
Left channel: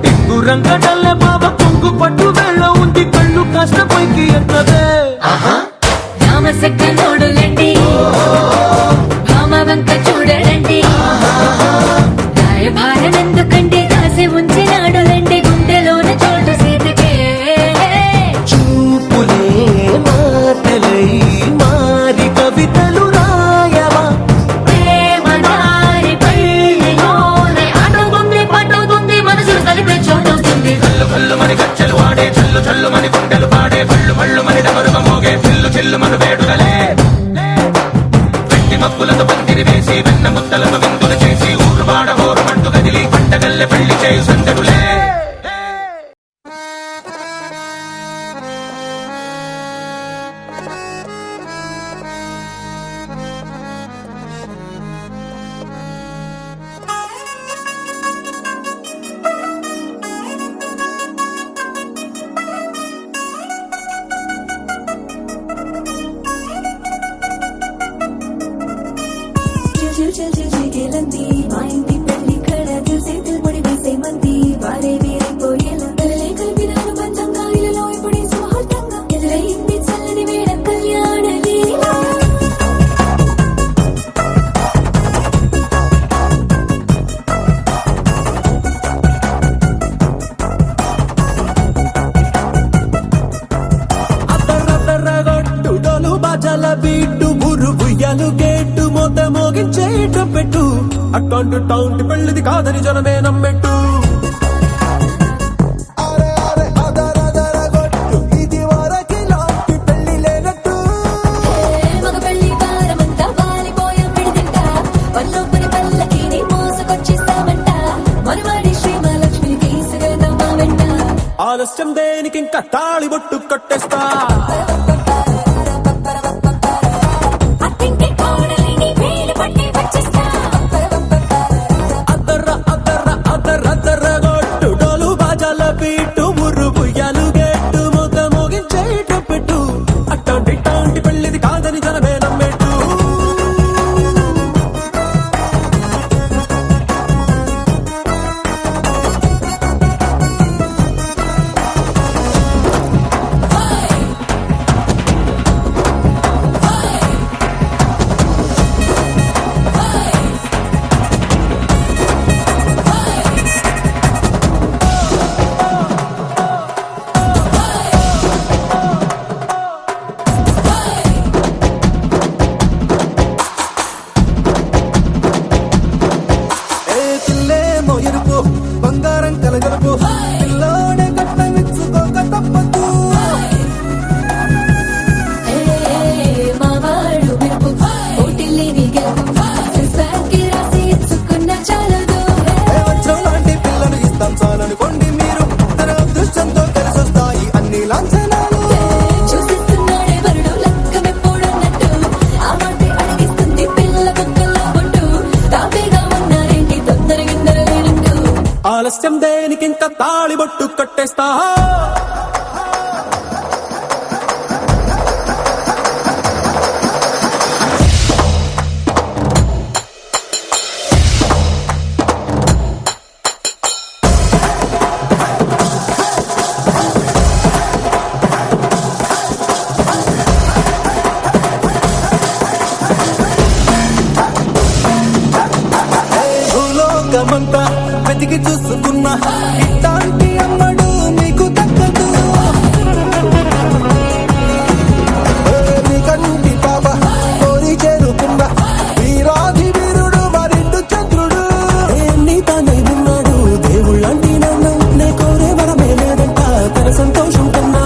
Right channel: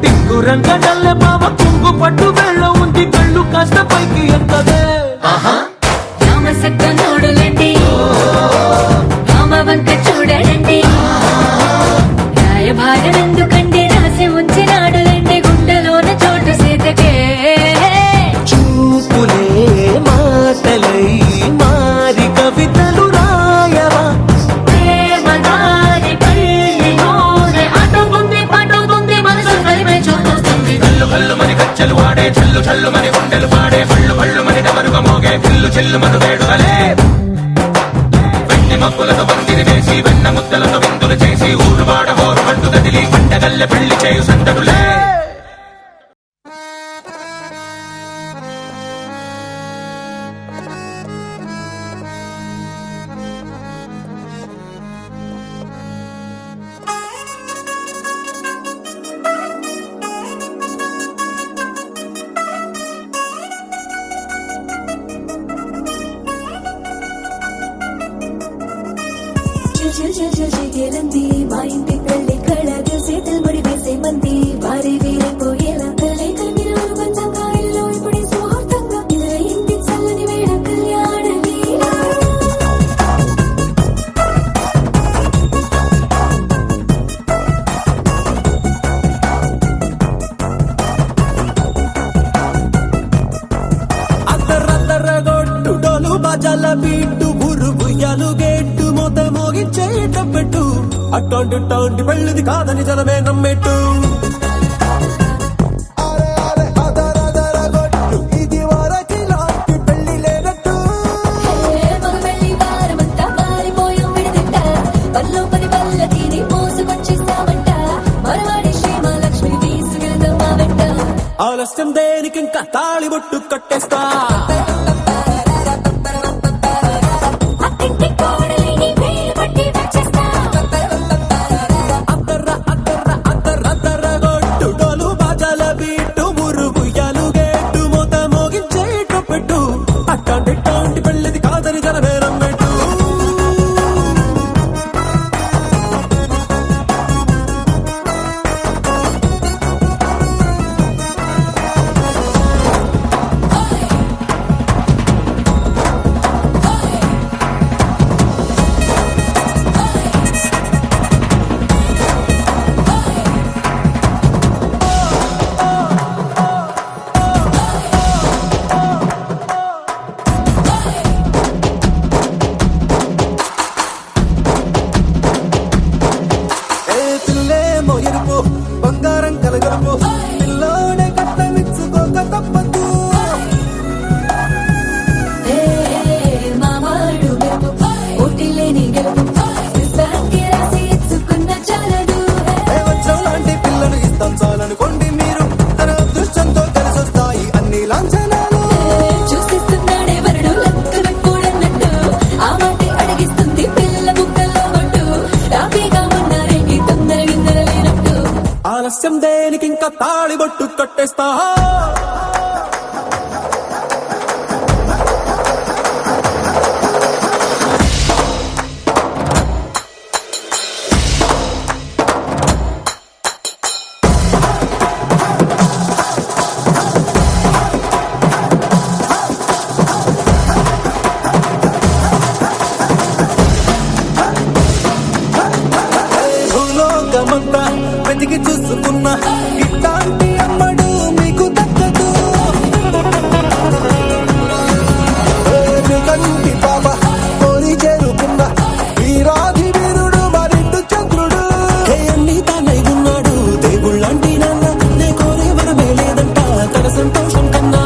టిక్కు రంగడల్లె బాబా కుంగు పట్టు వెళ్ళ ఉంది కళ్ళు కాస్త పైకి ఎత్తదే రామసక్క నోడులండి భామ వంక చూడడండి రాయభారం ఎందుకండి రాసి ఉంచినాడు రండి గుండెలోన చోటు సేతకే చూపులే మాటలై మారిక చల్లుమని గుండెలు పాడే పళ్ళు పళ్ళు మని డమరుగ మోగే పిల్లు చెల్లుమను వేడుదలే వెండి మబ్బులతో పందిరి వేసి వెన్న ముద్దలతో విందులు చేసి ఊరు వాడ హోరు మంటు గదిలి పంటగల్లె పెళ్లి చేయు సందడులే చిల్చిల్చిల్చిల్చిగేలంది మా ఇంటి పెళ్లి కళగా చేతులు ముడి వేసే మంది వారే వీరిపోయేలా తలే కలిపినారు పంచంగాయలలో ఇప్పుడే సుహార్తంగా ఎదురైంది చల్లని వేళ కళ్యాణ లీల అద్దరద్దరగొట్టు డోలు బాజాల బీటు ఊరు ఉయ్యాలు గేట్టు మోత మోగించేట పెట్టు అట్టాంటి టాంటి పెళ్ళిది కాదని జనమే నమ్మెట్టు అరే అరే అదరదరగొట్టు ఇది వరకి లాంటి పెళ్లి లేనట్టు మగ పెళ్లి వారమంతా వాలిపోయాం విడిదింట పల్లో పని పల్లకిని మోసుకొచ్చేస్తామంట మరవాడి శ్రీమహాలక్ష్మి తీసుకెళ్తాం మా వెంట ఆలస్యం దేనికి ఇంకా తాళి బొట్టు కట్టేస్తా అత్తింటి కోడలిని వేలు పట్టి వచ్చేస్తా అద్దరద్దరగొట్టు డోలు బాజాల బీటు ఊరు ఉయ్యాలు గేట్టు మోత మోగించేట పెట్టు అట్టాంటి టాంటి పెళ్ళిది కాదని జనమే నమ్మెట్టు ఏ పిల్లేమో ఎరుపు బంగారం కలగలుపు పిల్లోడే కట్టమిచ్చుకోక తప్పదు మా వాడు మెరుపు ఓటిల్లేని గెలుపు ఇన్స్టాకి రాసి ఇచ్చుకున్న చాలదు ఏ వజ్రం లాంటి పిల్లను ఇస్తాం చాలనుకోండి మీరు తన అదృష్టంతో కలిసొస్తాయి అన్ని లాంఛనాలు చూసేస్తున్నాడే వరుడు లక్కనప్పుడన్నట్టు ఆ మాటే అడిగిస్తుంది పిల్ల ముక్కల్లో ఒట్టు తాపీగా ఉన్నారేంటి తొందర విందర లేనట్టు ఆలస్యం దేనికి ఇంకా తాళి బొట్టు కట్టేస్తా భూలోకమంతా వెతికి చూసుకున్నా ఇట్లాంటి అమ్మడు మీకు దక్కదు మీ కంటి పాప కోరి చేరుకున్న వీరాధి వీరుడు మరిండు చంద్రుడు అన్ని తానై ఉన్నాడు దేవుళ్ళంటి నన్ను కోరే వరవేలేడంట తన సంతోషం కన్నా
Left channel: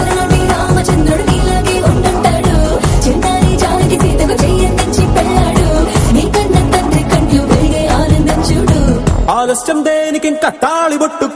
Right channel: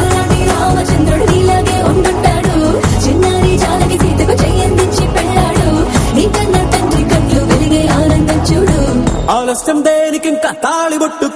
అలాంటి రామచంద్రుడు నీలాగే ఉంటుంటాడు చిన్నారి జానకి సీతకు చెయ్యందించి పెళ్ళాడు నీ కన్న తండ్రి కండ్లు వెలిగి ఆనందం చూడు ఆలస్యం దేనికి ఇంకా తాళి బొట్టు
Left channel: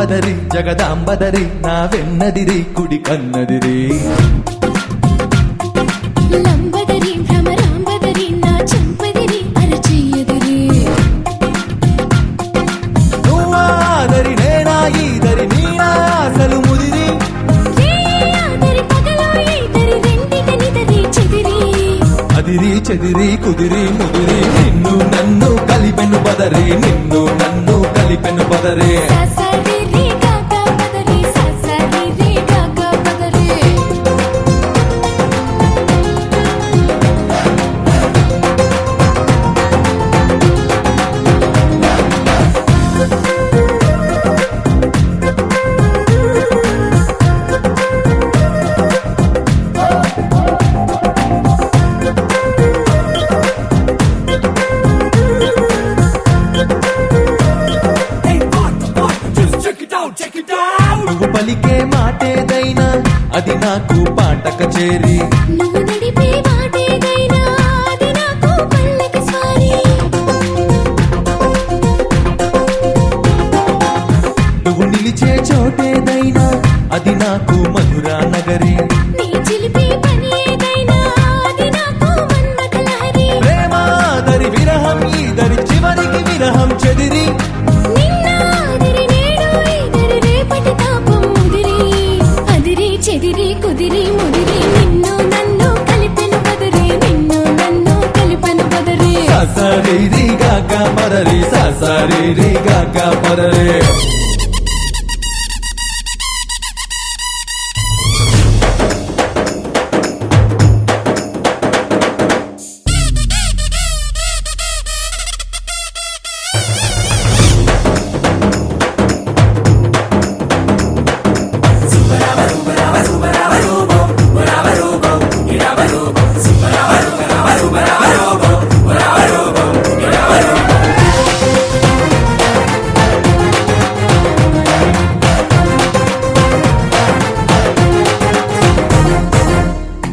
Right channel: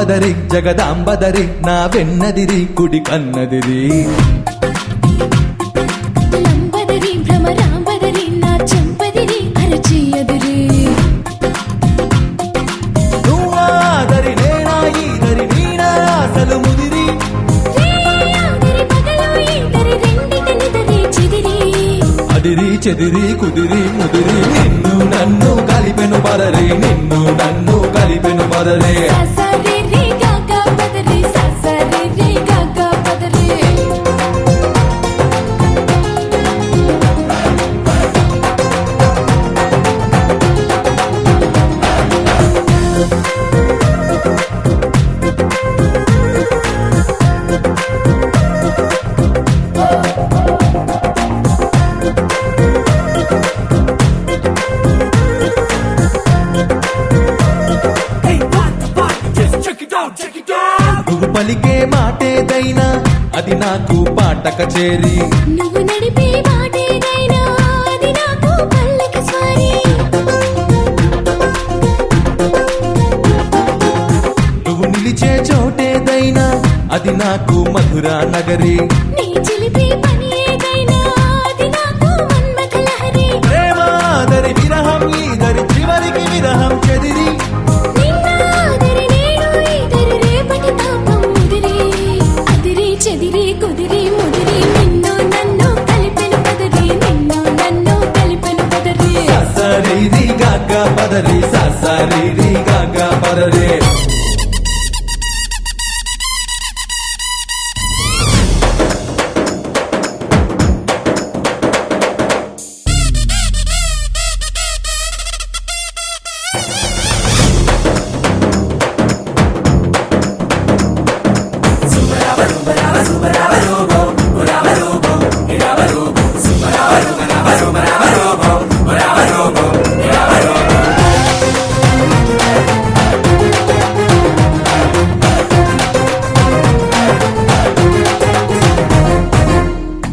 లంబదరి జగదాంబదరి నా వెన్నదిరి కుడి కన్నదిరి లంబదరి భ్రమరాంబదరి నా చెంపదిరి అరచేయదిరి నువ్వాదరి నేనా ఈదరి నీనా అసలు ముదిరి రేయాదరి పగలో ఈదరి రెండికనిదరి చిదిరి అదిరి చెదిరి కుదిరి ముదిరి నిన్ను నన్ను కలిపెను పదరే నిన్ను నన్ను కలిపెను పదరే ససరి రే గాగా పదరి ససరి రే గాగా పదరి నువ్వు పలికే మాటేదైనా అది నాకు పాట కచేరి నువ్వు నడిపే మాటేదైనా అది నాకు పల్లక స్వారీ నువ్వు నిలిచే చోటేదైనా అది నాకు మధురా నగరి నీ చిలిపి పని ఏదైనా అది నాకు మన్మథలహరి ప్రేమాదరి విరహం ఈదరి చివరికి విరహం చెదిరి నిన్నాదరి నేడు ఈదరి రేపటి తాపం ముదిరి అదిరి చెదిరి కుదిరి ముదిరి నిన్ను నన్ను కలిపెను పదరి నిన్ను నన్ను కలిపెను పదరి ససరి గాగా పదరి ససరి గాగా పదరే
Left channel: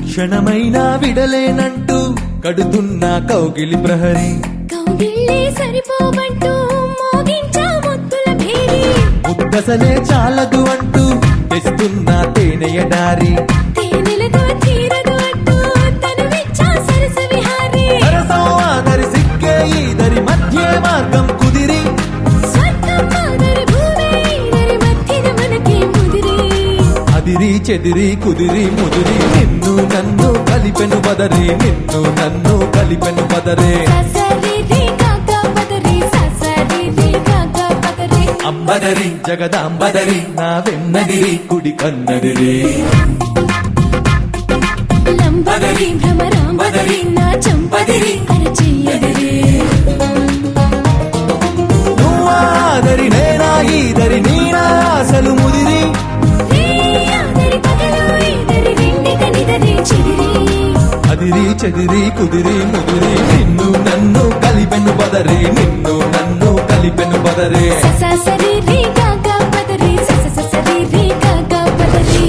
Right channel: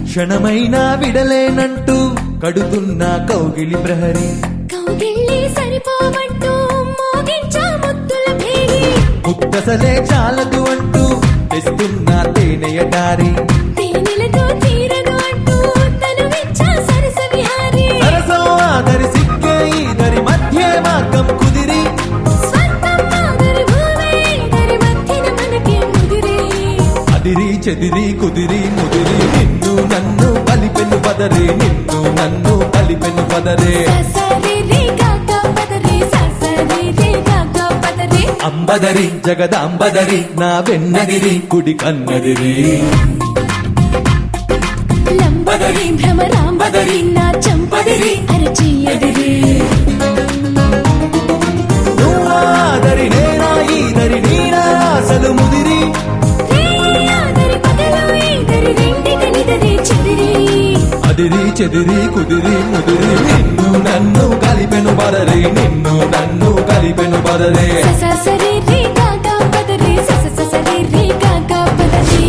క్షణమైనా విడలేనంటూ కడుతున్న కౌగిలి ప్రహరి కౌగిళ్ళి సరిపోమంటూ మోగించా ముద్దుల భేరి ముక్కసలే చాలకు అంటూ తెస్తున్న తేనెయ దారి తేనెలతో తీరదు అంటూ తను మెచ్చా సరస విహారి సరసం ఆదరి సిక్కే ఈదరి మధ్య మార్గం కుదిరి స్వర్గం ఆదరి భూమి ఈదరి మధ్యన మనకే ముదిరి అదిరి చెదిరి కుదిరి ముదిరి నిన్ను నన్ను కలిపెను పదరే నిన్ను నన్ను కలిపెను పదరే ససరి రే గాగా పదరి ససరి రే గాగా పదరి అంబదరి జగదాంబదరి నా వెన్నదిరి కుడి కన్నదిరి లంబదరి భ్రమరాంబదరి నా చెంపదిరి అరచేయదిరి నువ్వాదరి నేనా ఈదరి నీనా అసలు ముదిరి రేయాదరి పగలో ఈదరి రెండికనిదరి చిదిరి అదిరి చెదిరి కుదిరి ముదిరి నిన్ను నన్ను కలిపెను పదరే నిన్ను నన్ను కలిపెను పదరే ససరి రే గాగా పదరి ససరి రే గాగా పదరి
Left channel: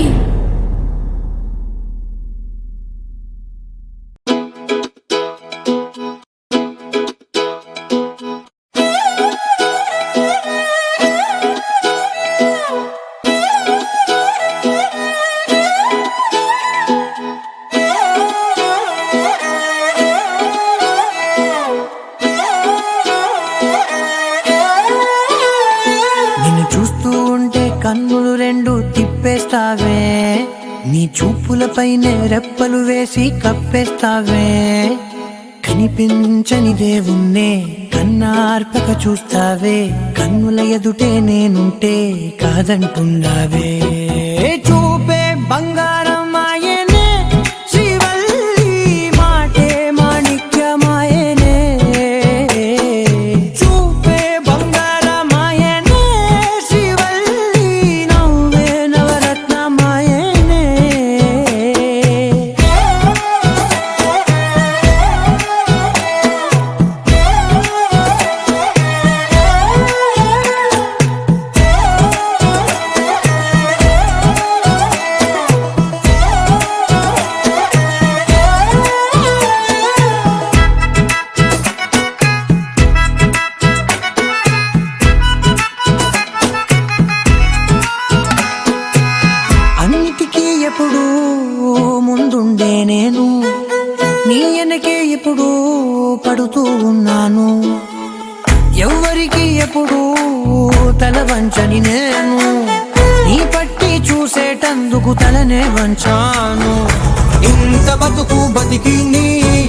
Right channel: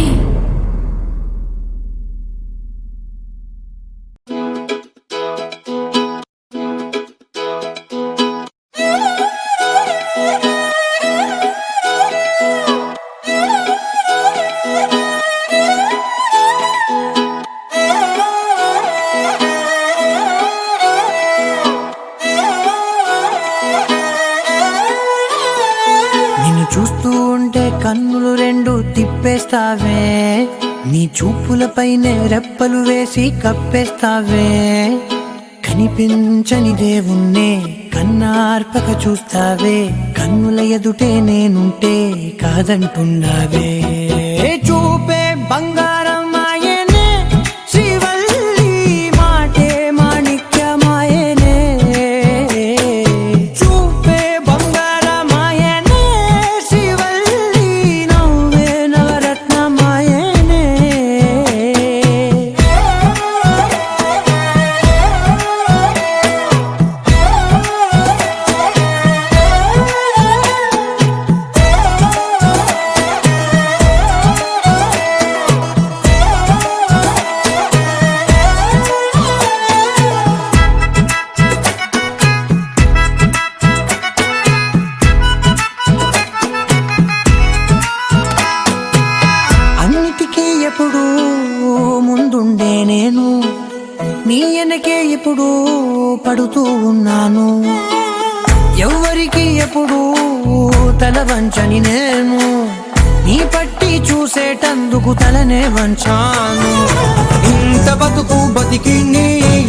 నిన్ను చూస్తూ ఉంటే కన్నులు రెండు తిప్పేస్తావే నీ చూపులపైనే రెప్పలు వేసి కప్పేస్తావే కనిపించని దేవుణ్ణే కన్నార్పక చూస్తావే కన్నుల ఎదుటే నేనుంటే కాదంటున్నావే చూపే బంగారం ఆయనే శ్రీవల్లి మాటే మాణిక్యమాయనే చూపే బంగారమాయనే శ్రీవల్లి నవ్వే నవరత్నమాయనే ఎప్పుడు ముందుండే నేను నీ వెనకే ఎప్పుడు పడుతూ ఉన్నాను. ఎవ్వరికి ఎప్పుడు తల వంచని నేను నీ పట్టి చూసేటందుకు తలనే వంచాను. ఇంత బతుకు బతికి నీ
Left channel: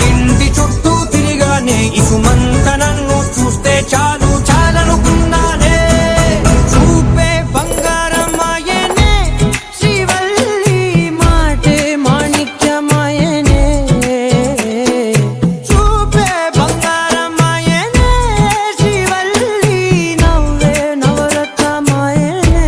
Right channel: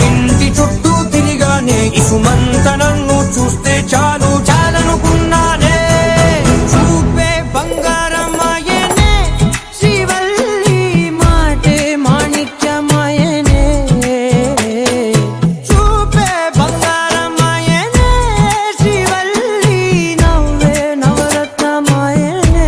ఇంటి చుట్టూ తిరిగానే ఇసుమంత నన్ను చూస్తే చాలు చాలనుకున్నానే. చూపే బంగారమాయనే శ్రీవల్లి మాటే మాణిక్యమాయనే. చూపే బంగారమాయనే శ్రీవల్లి నవ్వే నవరత్నమాయనే.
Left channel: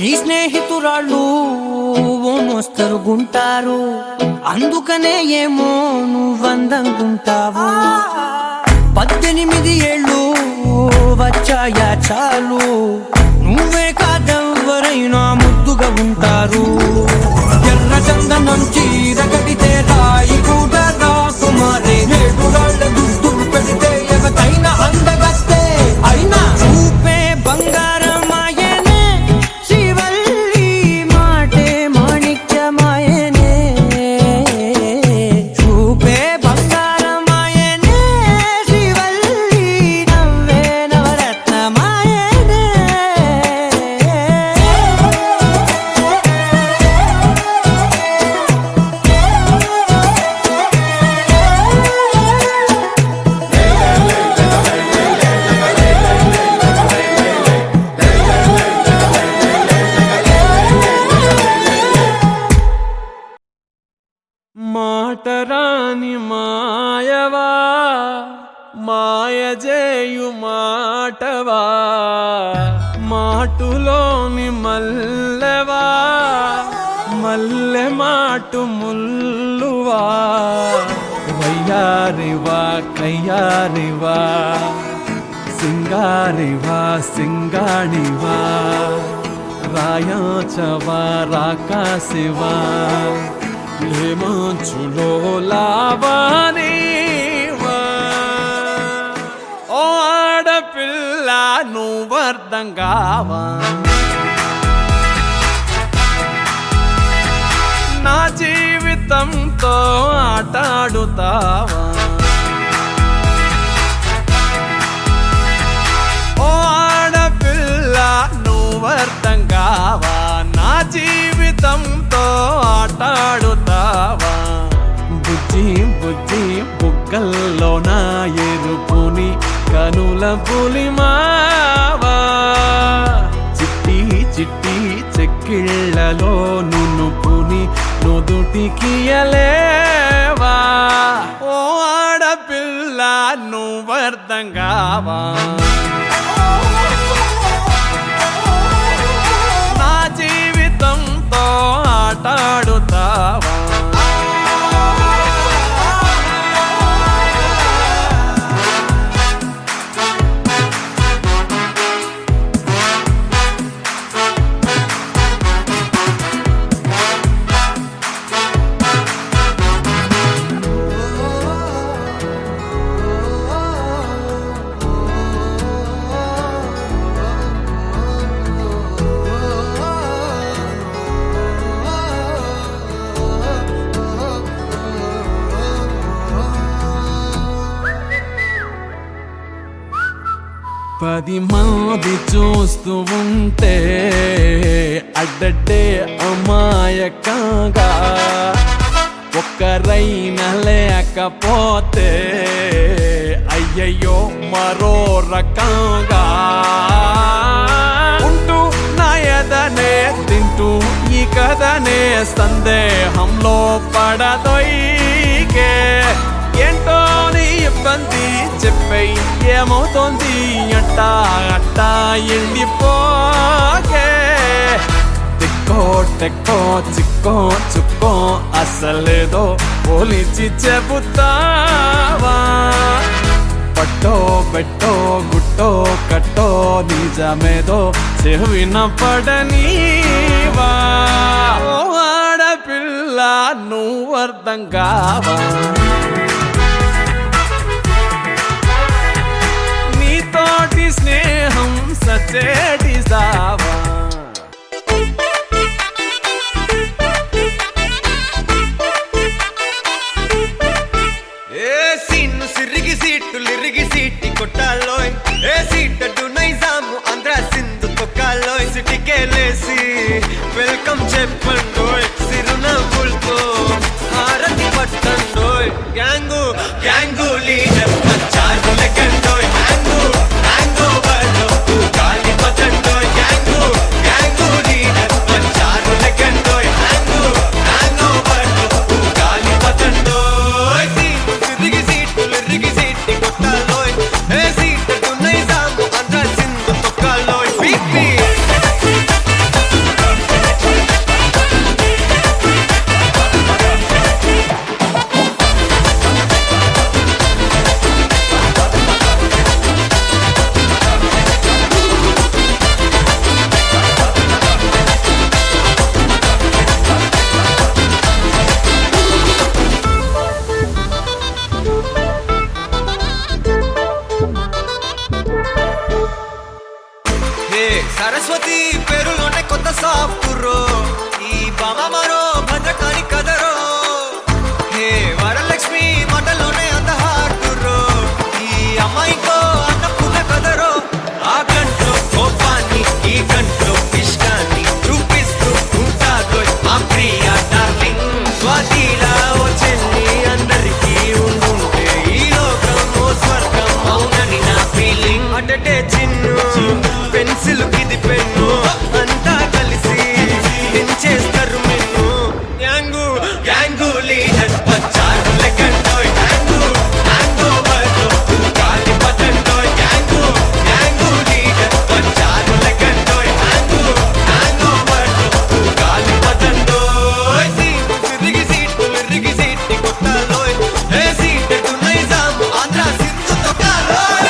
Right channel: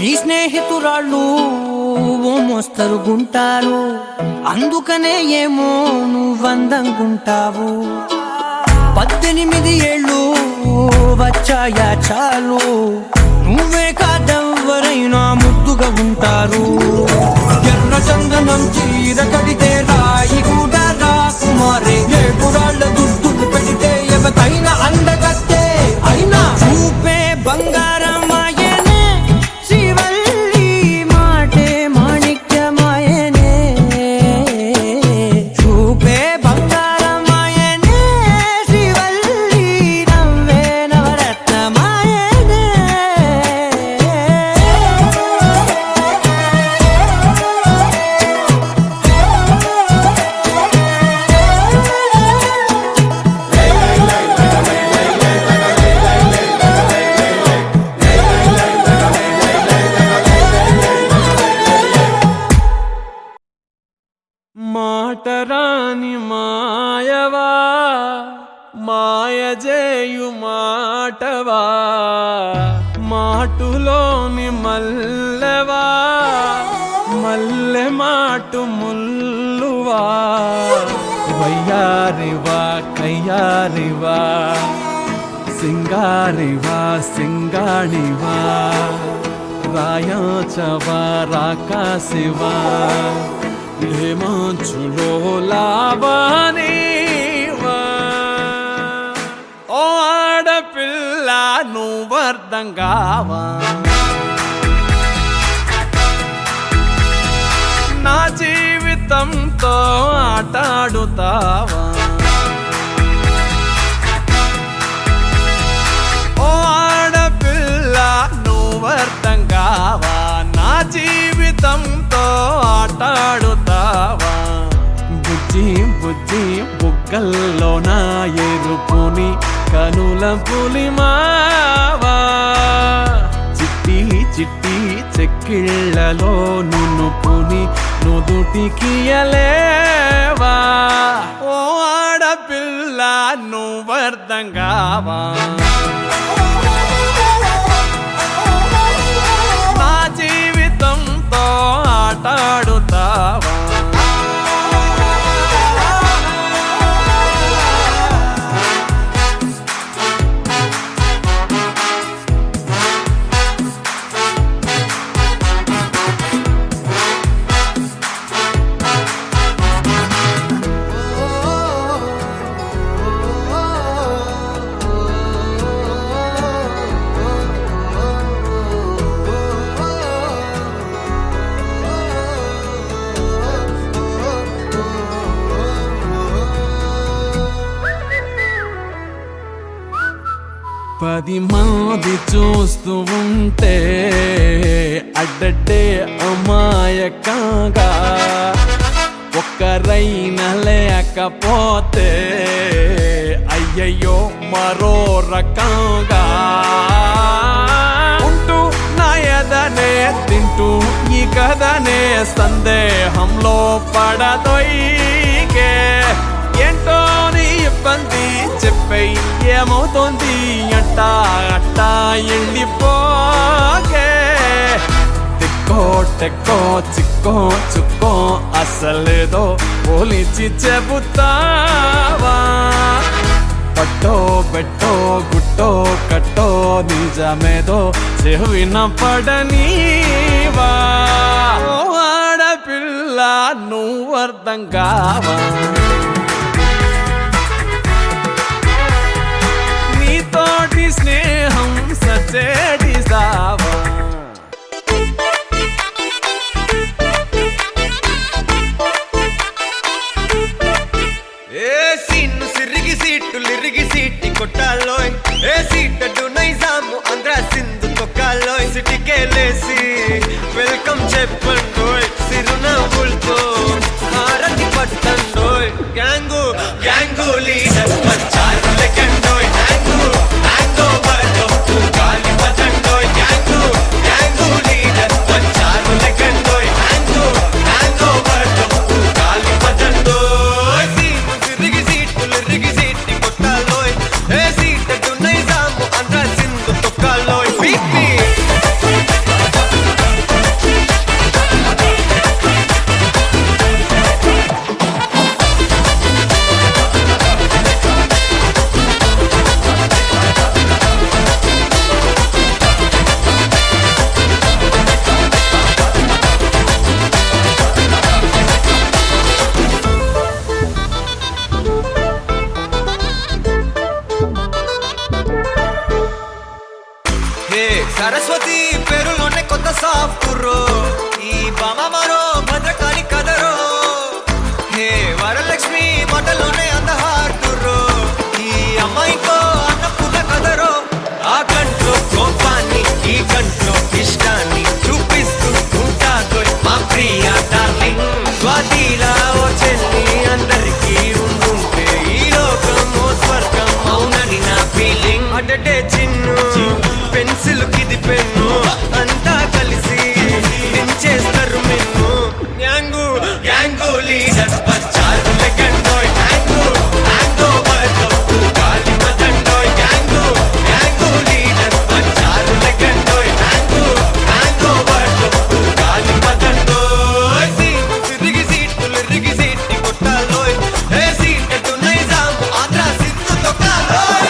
నీ స్నేహితురాళ్ళు ఓ మోస్తరు గుంటారు, అందుకనే ఏమో నువ్వందంగుంటావు. 18 ఏళ్ళు వచ్చాయా చాలు, నువ్వే కాదెవ్వరైనా ముద్దుగా ఉంటారు. ఎర్ర చందనం చీర కడితే రాయి కూడా రాకుమారే. 7 రాళ్ల దుద్దులు పెడితే ఎవతైనా అందగస్తే అయినా. చూపే బంగారమాయనే శ్రీవల్లి మాటే మాణిక్యమాయనే. చూపే బంగారమాయనే శ్రీవల్లి నవ్వే నవరత్నమాయనే. మాటరాని మాయవా మాయజేయు మాటవా మాటులోని మల్లెవా మల్లె మాటు ముల్లువా వయ్యారివా కయ్యారివా సింగారివా సింగాణివా రాయాచవా రాకాశివా లేమంచులో లావానివా. ఓ ఆడపిల్ల నువ్వర్థం కావా, నా జీవితంతో ఆటాడుతావా. ఓ ఆడపిల్ల నువ్వర్థం కావా, నా జీవితంతో ఆటాడుతావా. బుజ్జి బుజ్జి బుగ్గల్లో నా ఎరుపుని కనుల పులిమావా. చిట్టి చిట్టి చెక్కిళ్ళలో నునుపుని నుదుటికియలేవా. ఓ ఆడపిల్ల నువ్వర్థం కావా, నా జీవితంతో ఆటాడుతావా. పది మంది చూస్తూ ఉంటే అడ్డడ్డే అమాయకంగా ఒక్కరైనా లేకపోతే అయ్యయ్యో మరో రకంగా ఉంటూ నా ఎదనే తింటూ ఈ కథనే సందేహంలో పడదొయ్యే. ఏంటో నీ ఇబ్బంది చెప్పేయ్, ఏమవుతోంది అట్టా అట్టా వెళ్ళిపోకే. దిక్కో టెక్కో చిక్కో చుక్కో అసలేదో పోలిచి చెబుతావా పట్టో బెట్టో గుట్టో కట్టో నిజమేదో చెవిన పడనీవా ఓ ఆడపిల్ల నువ్వు అర్థం కావా నీతోటి స్నేహం సచేటి సావా ఏ సీన్ను సిరిగి సీటులిరిగి సీటి కొట్టాలోయ్ ఏ సీటడు నైజాము ఆంధ్ర సింధు తొక్కాలోయ్ సిటికేలేసి వెల్కమ్ చెప్పండోయ్ సిరునవ్వులతో హారతి పట్టండోయ్ గ్యాంగు గ్యాంగు లీడర్ పంచారు లెక్కండోయ్ హ్యాంగు హ్యాంగ్ ఓవర్లో గాలి పట్టండోయ్ గ్యాంగు గ్యాంగు లీడర్ పంచారు లెక్కండోయ్ హ్యాంగు హ్యాంగ్ ఓవర్లో గాలి పట్టండోయ్ సీము సిరిగి సీటులిరిగి సీటి కొట్టాలోయ్ ఏ సీటడు నైజాము ఆంధ్ర సింధు తొక్కాలోయ్ పీపీ హే సరస్వతి పేరులోనే కొత్త సాఫ్ట్ రో ఈ బామ మరో భద్రకాళి కదరో హే వరలక్ష్మి మాటలోనే అంద హార్ట్ రో ఈ అమ్మాయికో అన్నపూర్ణ కదరో ఆ కంట్లో కోపాన్ని ఈ కంట్లో ఇష్టాన్ని చూపిస్తూ ఉంటాగో మా ప్రియ డార్లింగ్ స్వాతిలా ఓ చెల్లి అందరికీ ఉండుంటే ఈ లోకం ఓ స్వర్గం అవునని నా ఫీలింగ్ అటటే చిన్ను పెన్సిల్ కిది పెన్ను అంతా కలిసి దించేస్తారు మిన్ను గ్యాంగు గ్యాంగు లీడర్ వచ్చారు లెక్కండోయ్ హ్యాంగు హ్యాంగ్ ఓవర్లో గాలి పట్టండోయ్ గ్యాంగు గ్యాంగు లీడర్ వచ్చారు లెక్కండోయ్ హ్యాంగు హ్యాంగ్ ఓవర్లో గాలి పట్టండోయ్ సీము సిరిగి సీటులిరిగి సీటి కొట్టాలోయ్ ఏ సీటడు నైజాము ఆంధ్ర సింధు తొక్కాలోయ్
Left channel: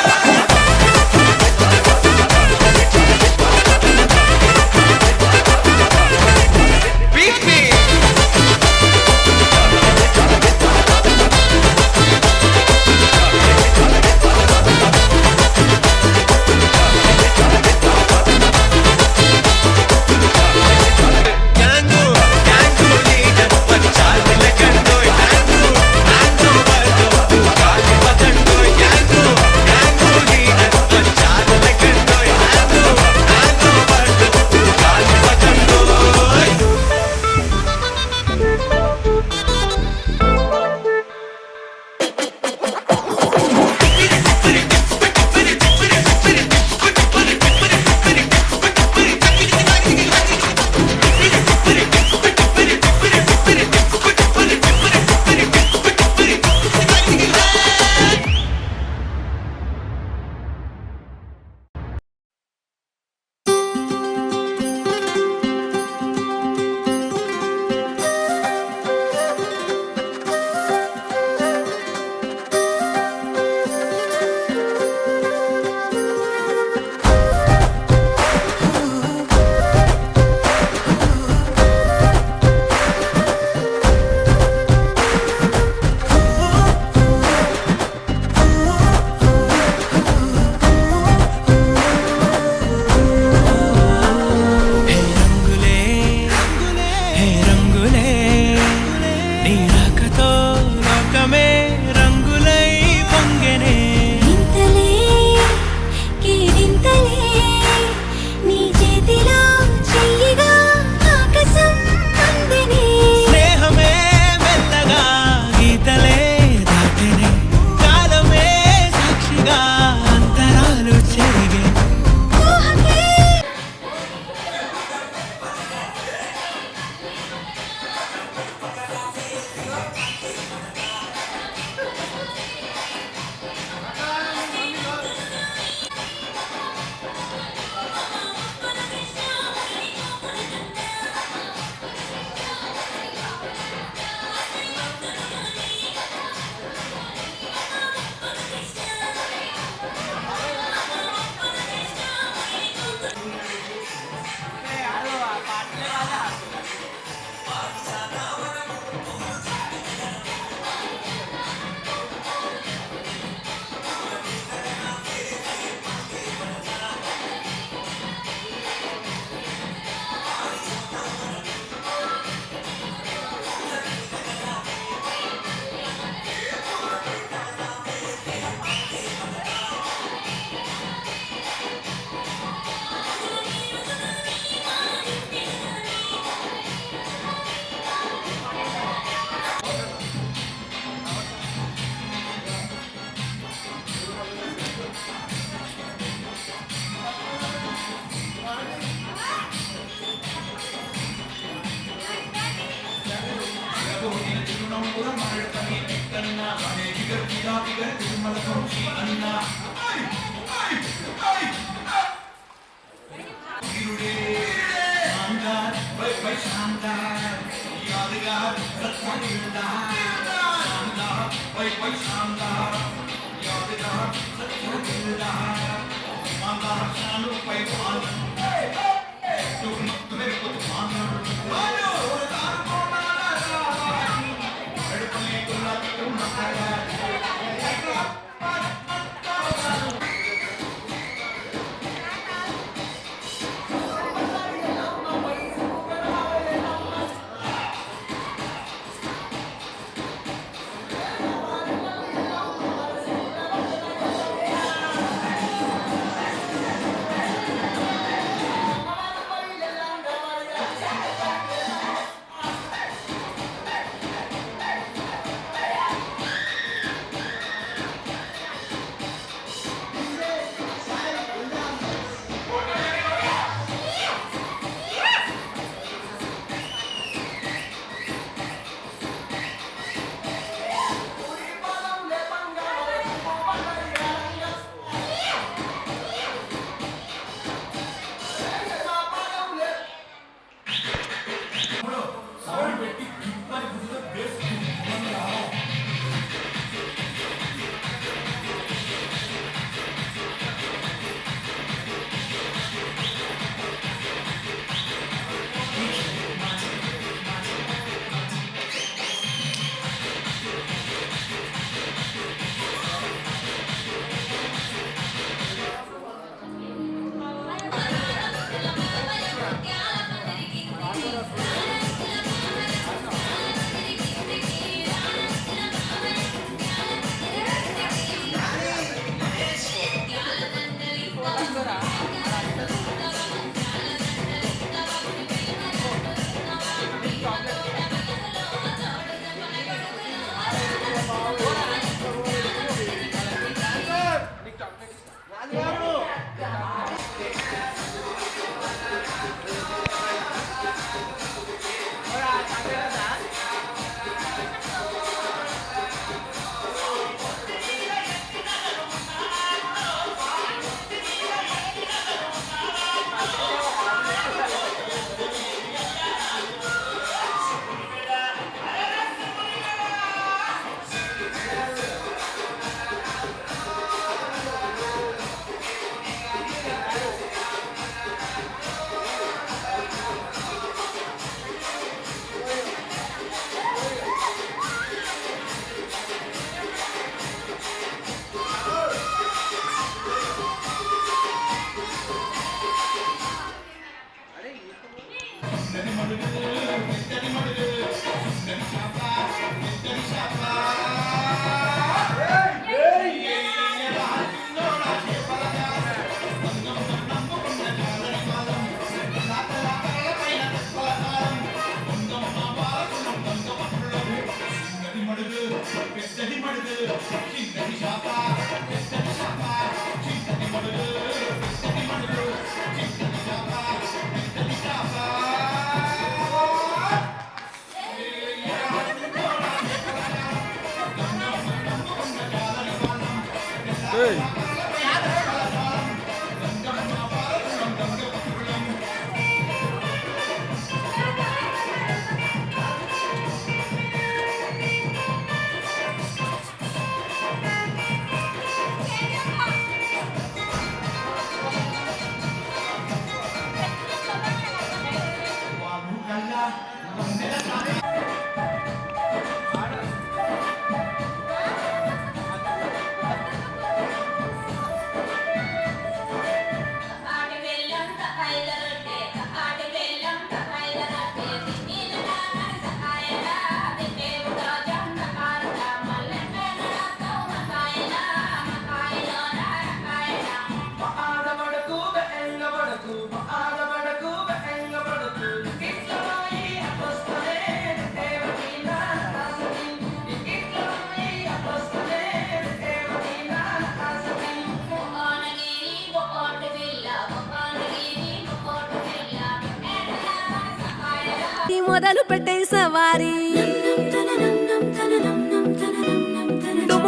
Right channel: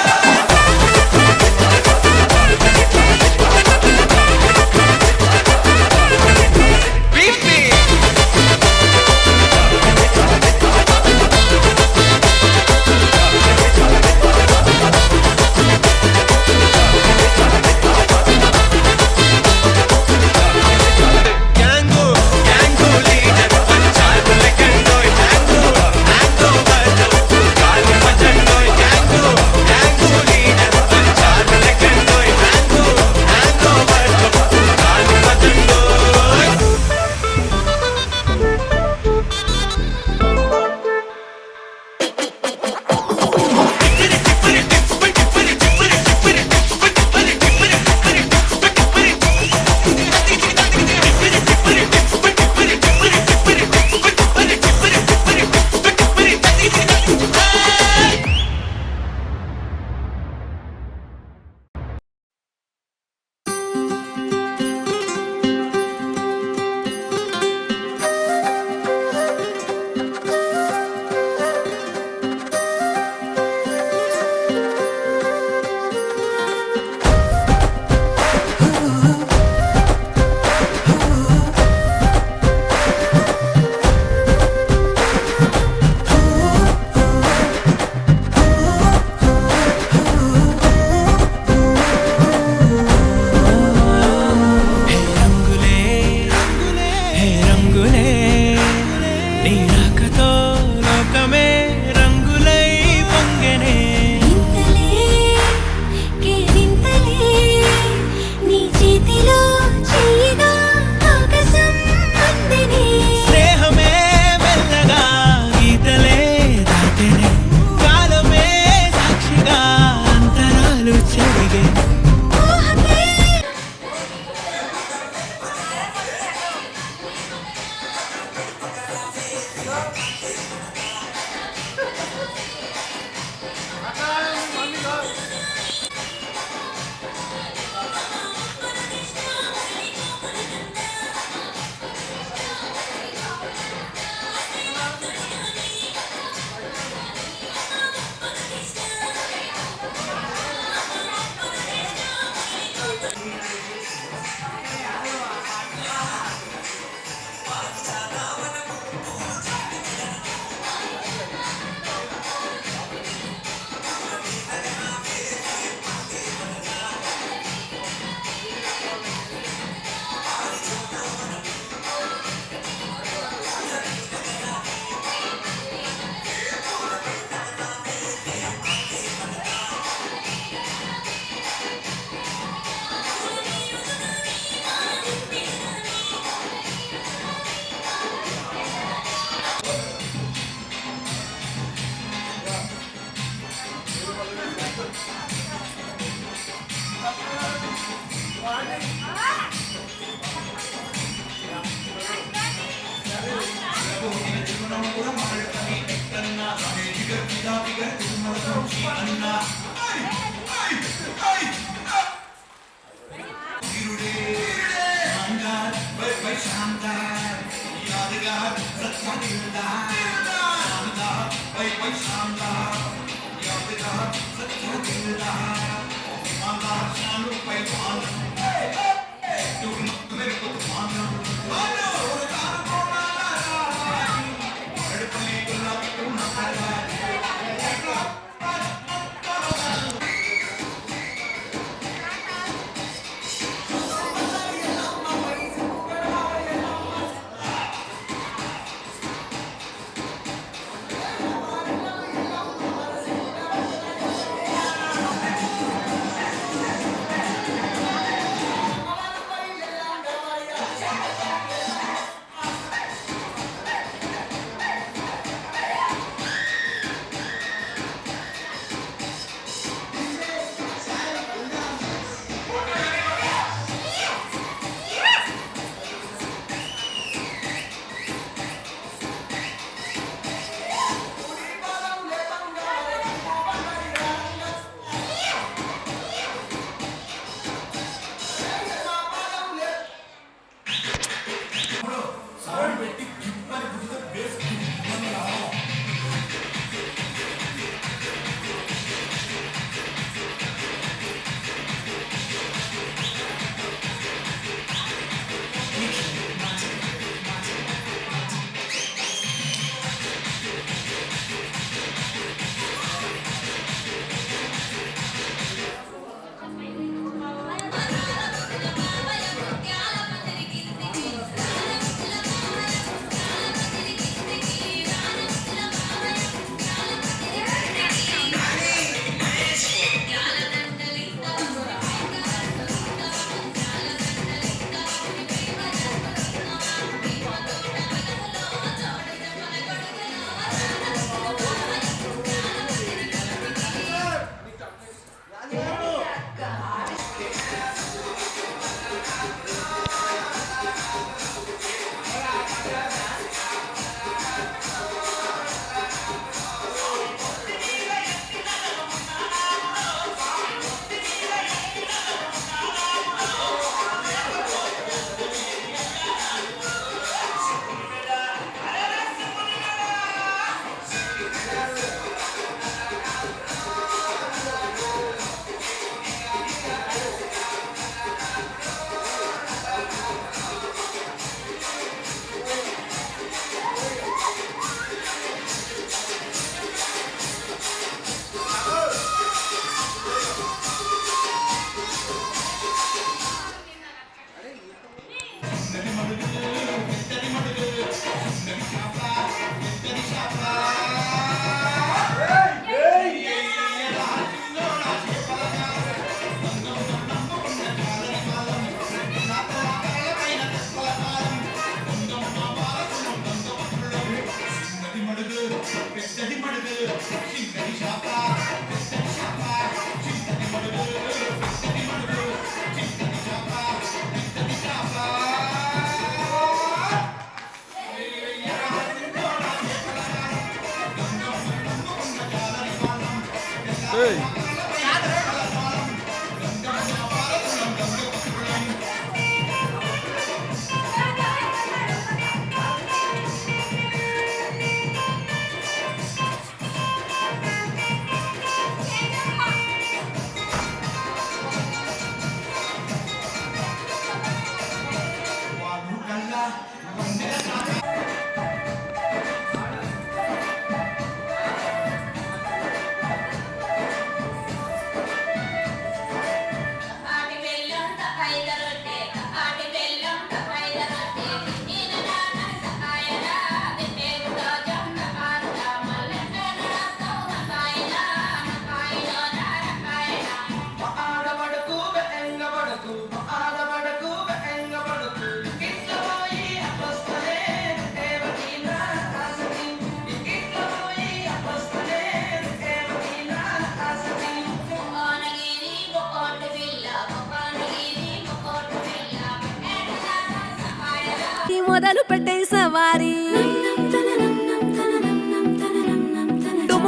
మొదలు పెట్టే సవారీ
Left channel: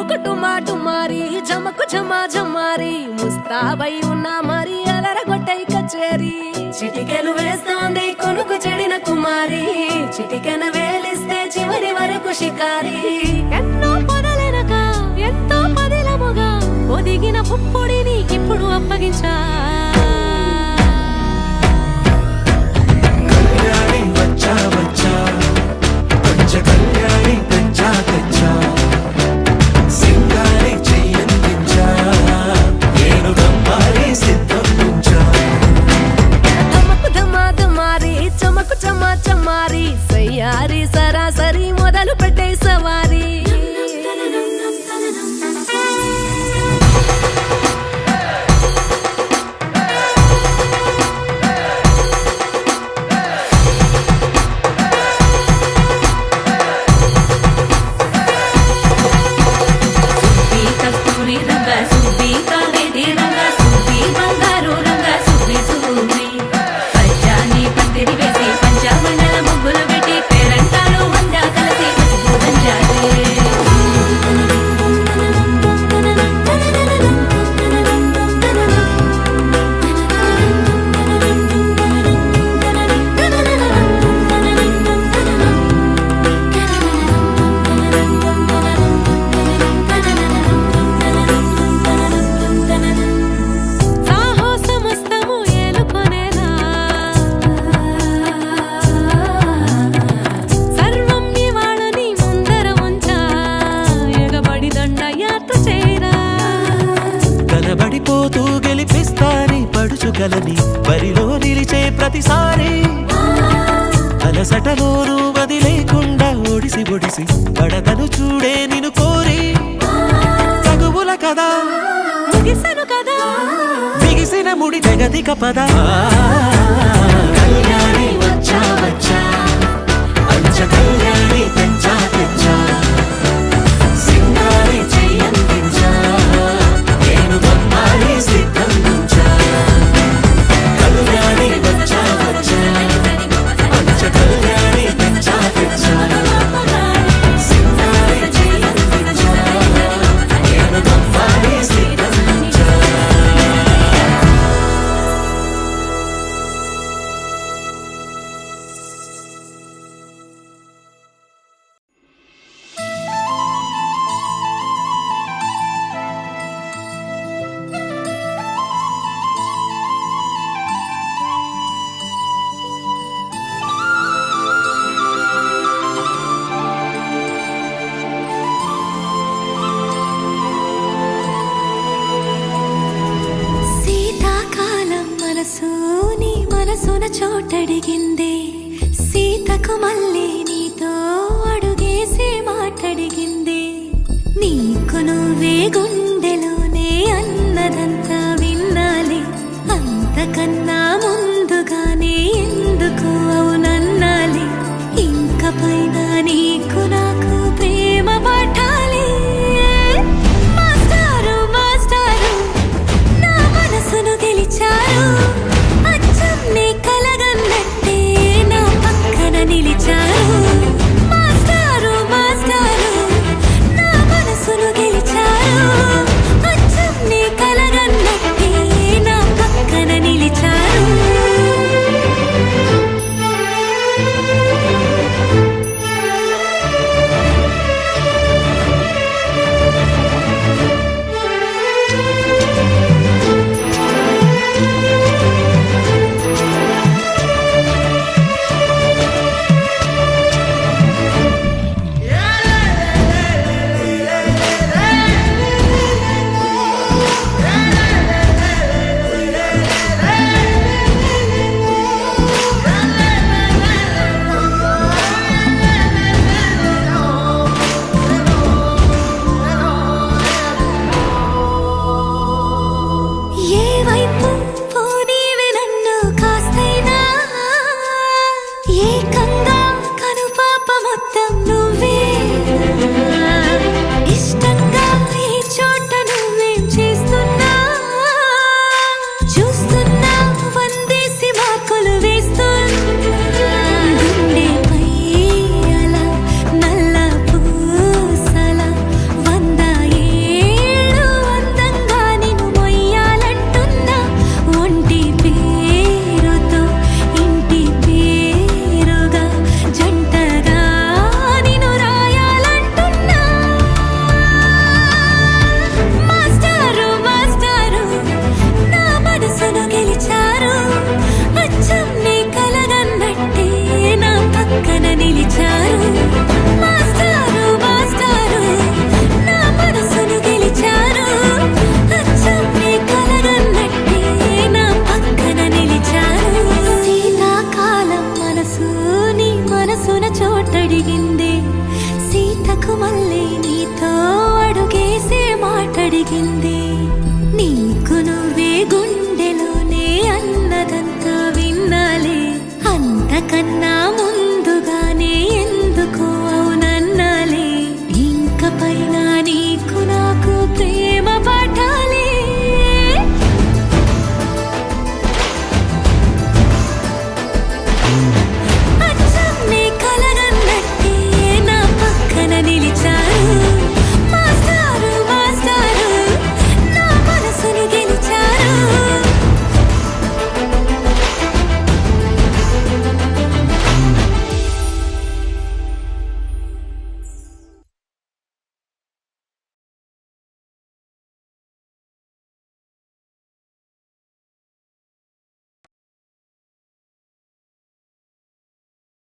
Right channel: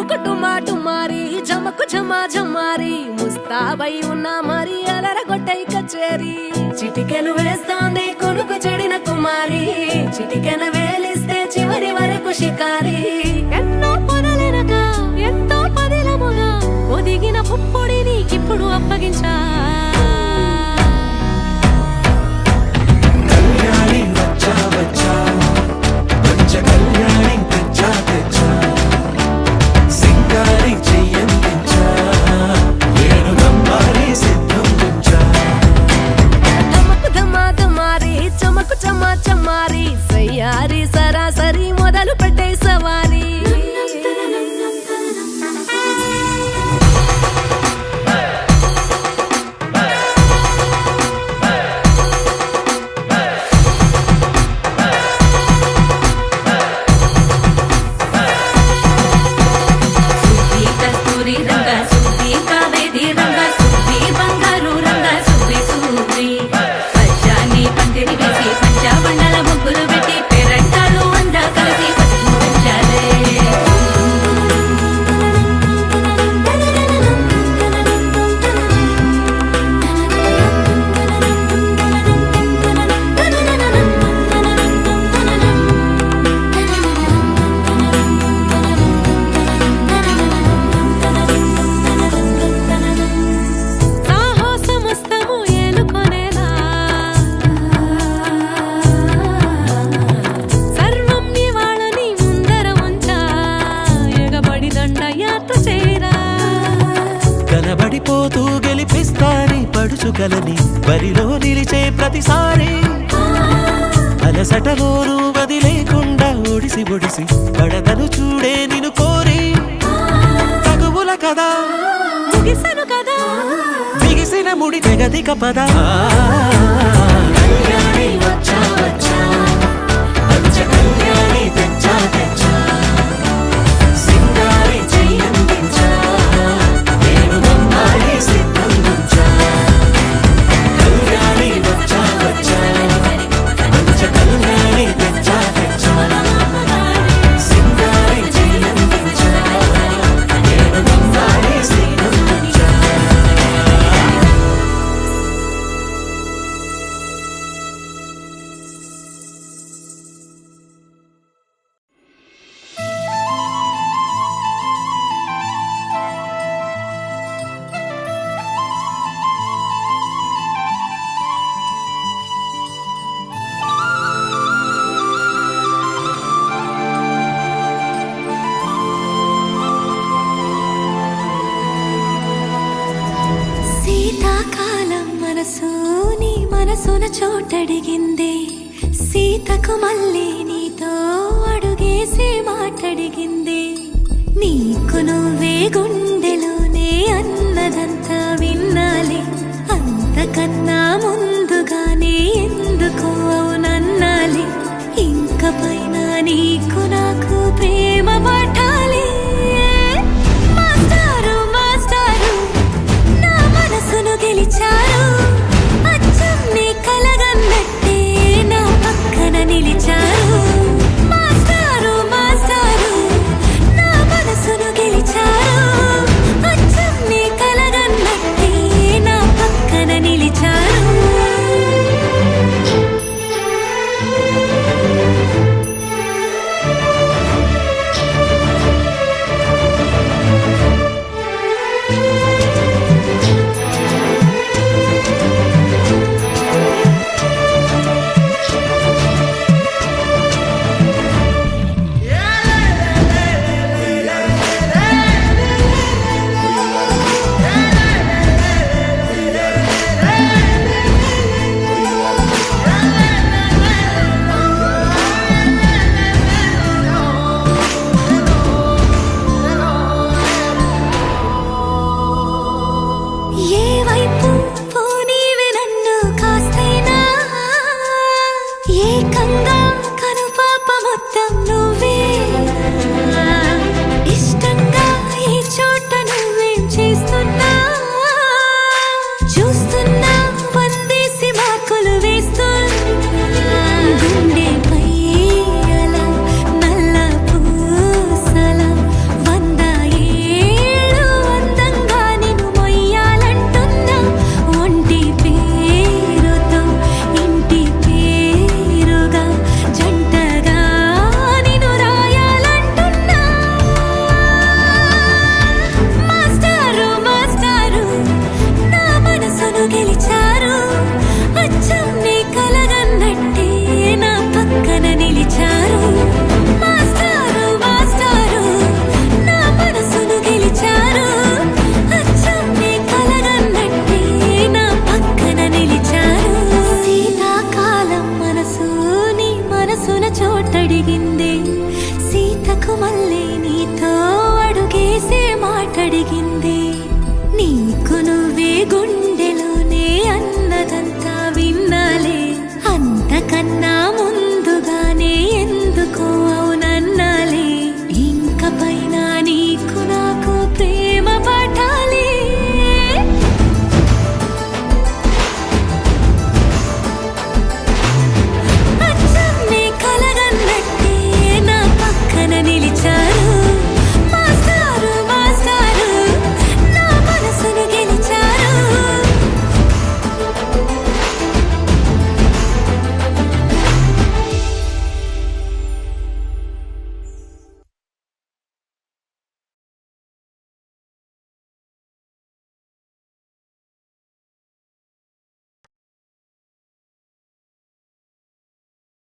డుముకు డుమాటు మారి జమకు జమా జమారి ముస్తాబై ఉన్నా మరి అలరగొట్టై కచేరి చిటికెను వేస్తోంది కొనుకు చెడిన కుమారి చిటికెను వేలిస్తే చివరి వరకు షికారి ఎన్నో పొదలెనక ఎంతో పదిలముగా ఒదిగిన పుప్పొడి నీకిప్పుడు అప్పగించా కళ్యాణి వచ్చా వచ్చా పంచ కళ్యాణి తెచ్చా తెచ్చా సింగారి చెయ్యందించా నేను గమ్మారి సిద్ధం ఉంచా ధమకు ధమాధమారి చమకు చమా చమారి సయ్యారి సరాసరి మొదలు పెట్టే సవారీ కలబడిపోతూ గెలిపిస్తాని పడుచుకలని బరిలో నిలిచే ప్రతిసారి అలసటలోనూ వదిలేకుండా ఒడిసి ఒడిసి పడతను చూడే నిన్ను కోరి తగువుల కదా ముగిసను కదా బిగిసిన ముడి తెగదిక పదా కళ్యాణి వచ్చా వచ్చా పంచ కళ్యాణి తెచ్చా తెచ్చా సింగారి చెయ్యందించా నేను గమ్మారి సిద్ధం ఉంచా కళ్యాణి వచ్చా వచ్చా పంచ కళ్యాణి తెచ్చా తెచ్చా సింగారి చెయ్యందించా నేను గమ్మారి సిద్ధం ఉంచా శీతాకాలం మనసు నీ మనసున చోటడిగిందే సీతకు మళ్ళీ నీతో అడుగేసే మాటడిగిందే నీకు నువ్వే గుండెలోనే అన్నదంతా విన్నాలే అంతకన్నా ముందుగానే ఎందుకు అవునన్నాలే ఇంక పైన నీకు నాకు ప్రేమ పట్టాలి మాస్టారు మాస్టారు నా మనసును గెలిచారు అచ్చం నీ కలగన్నట్టే నా పక్కన నిలిచారు మాస్టారు మాస్టారు నా మనసును గెలిచారు అచ్చం నీ కలగన్నట్టే నా పక్కన నిలిచారు గుండెపై అలా నల్ల పూసల వంద పిలిచారు మాస్టారు మాస్టారు నా మనసును గెలిచారు అచ్చం నీ కలగన్నట్టే నా పక్కన నిలిచారు శీతాకాలం మనసు నీ మనసున చోటడిగింది సీతకు మళ్ళీ నీతో అడుగేసే మాటడిగింది నీకు నువ్వే గుండెలోనే అన్నదంతా విన్నాలే అంతకన్నా ముందుగానే ఎందుకో అవునన్నాలే ఇంక పైన నీకు నాకు ప్రేమ పాఠాలే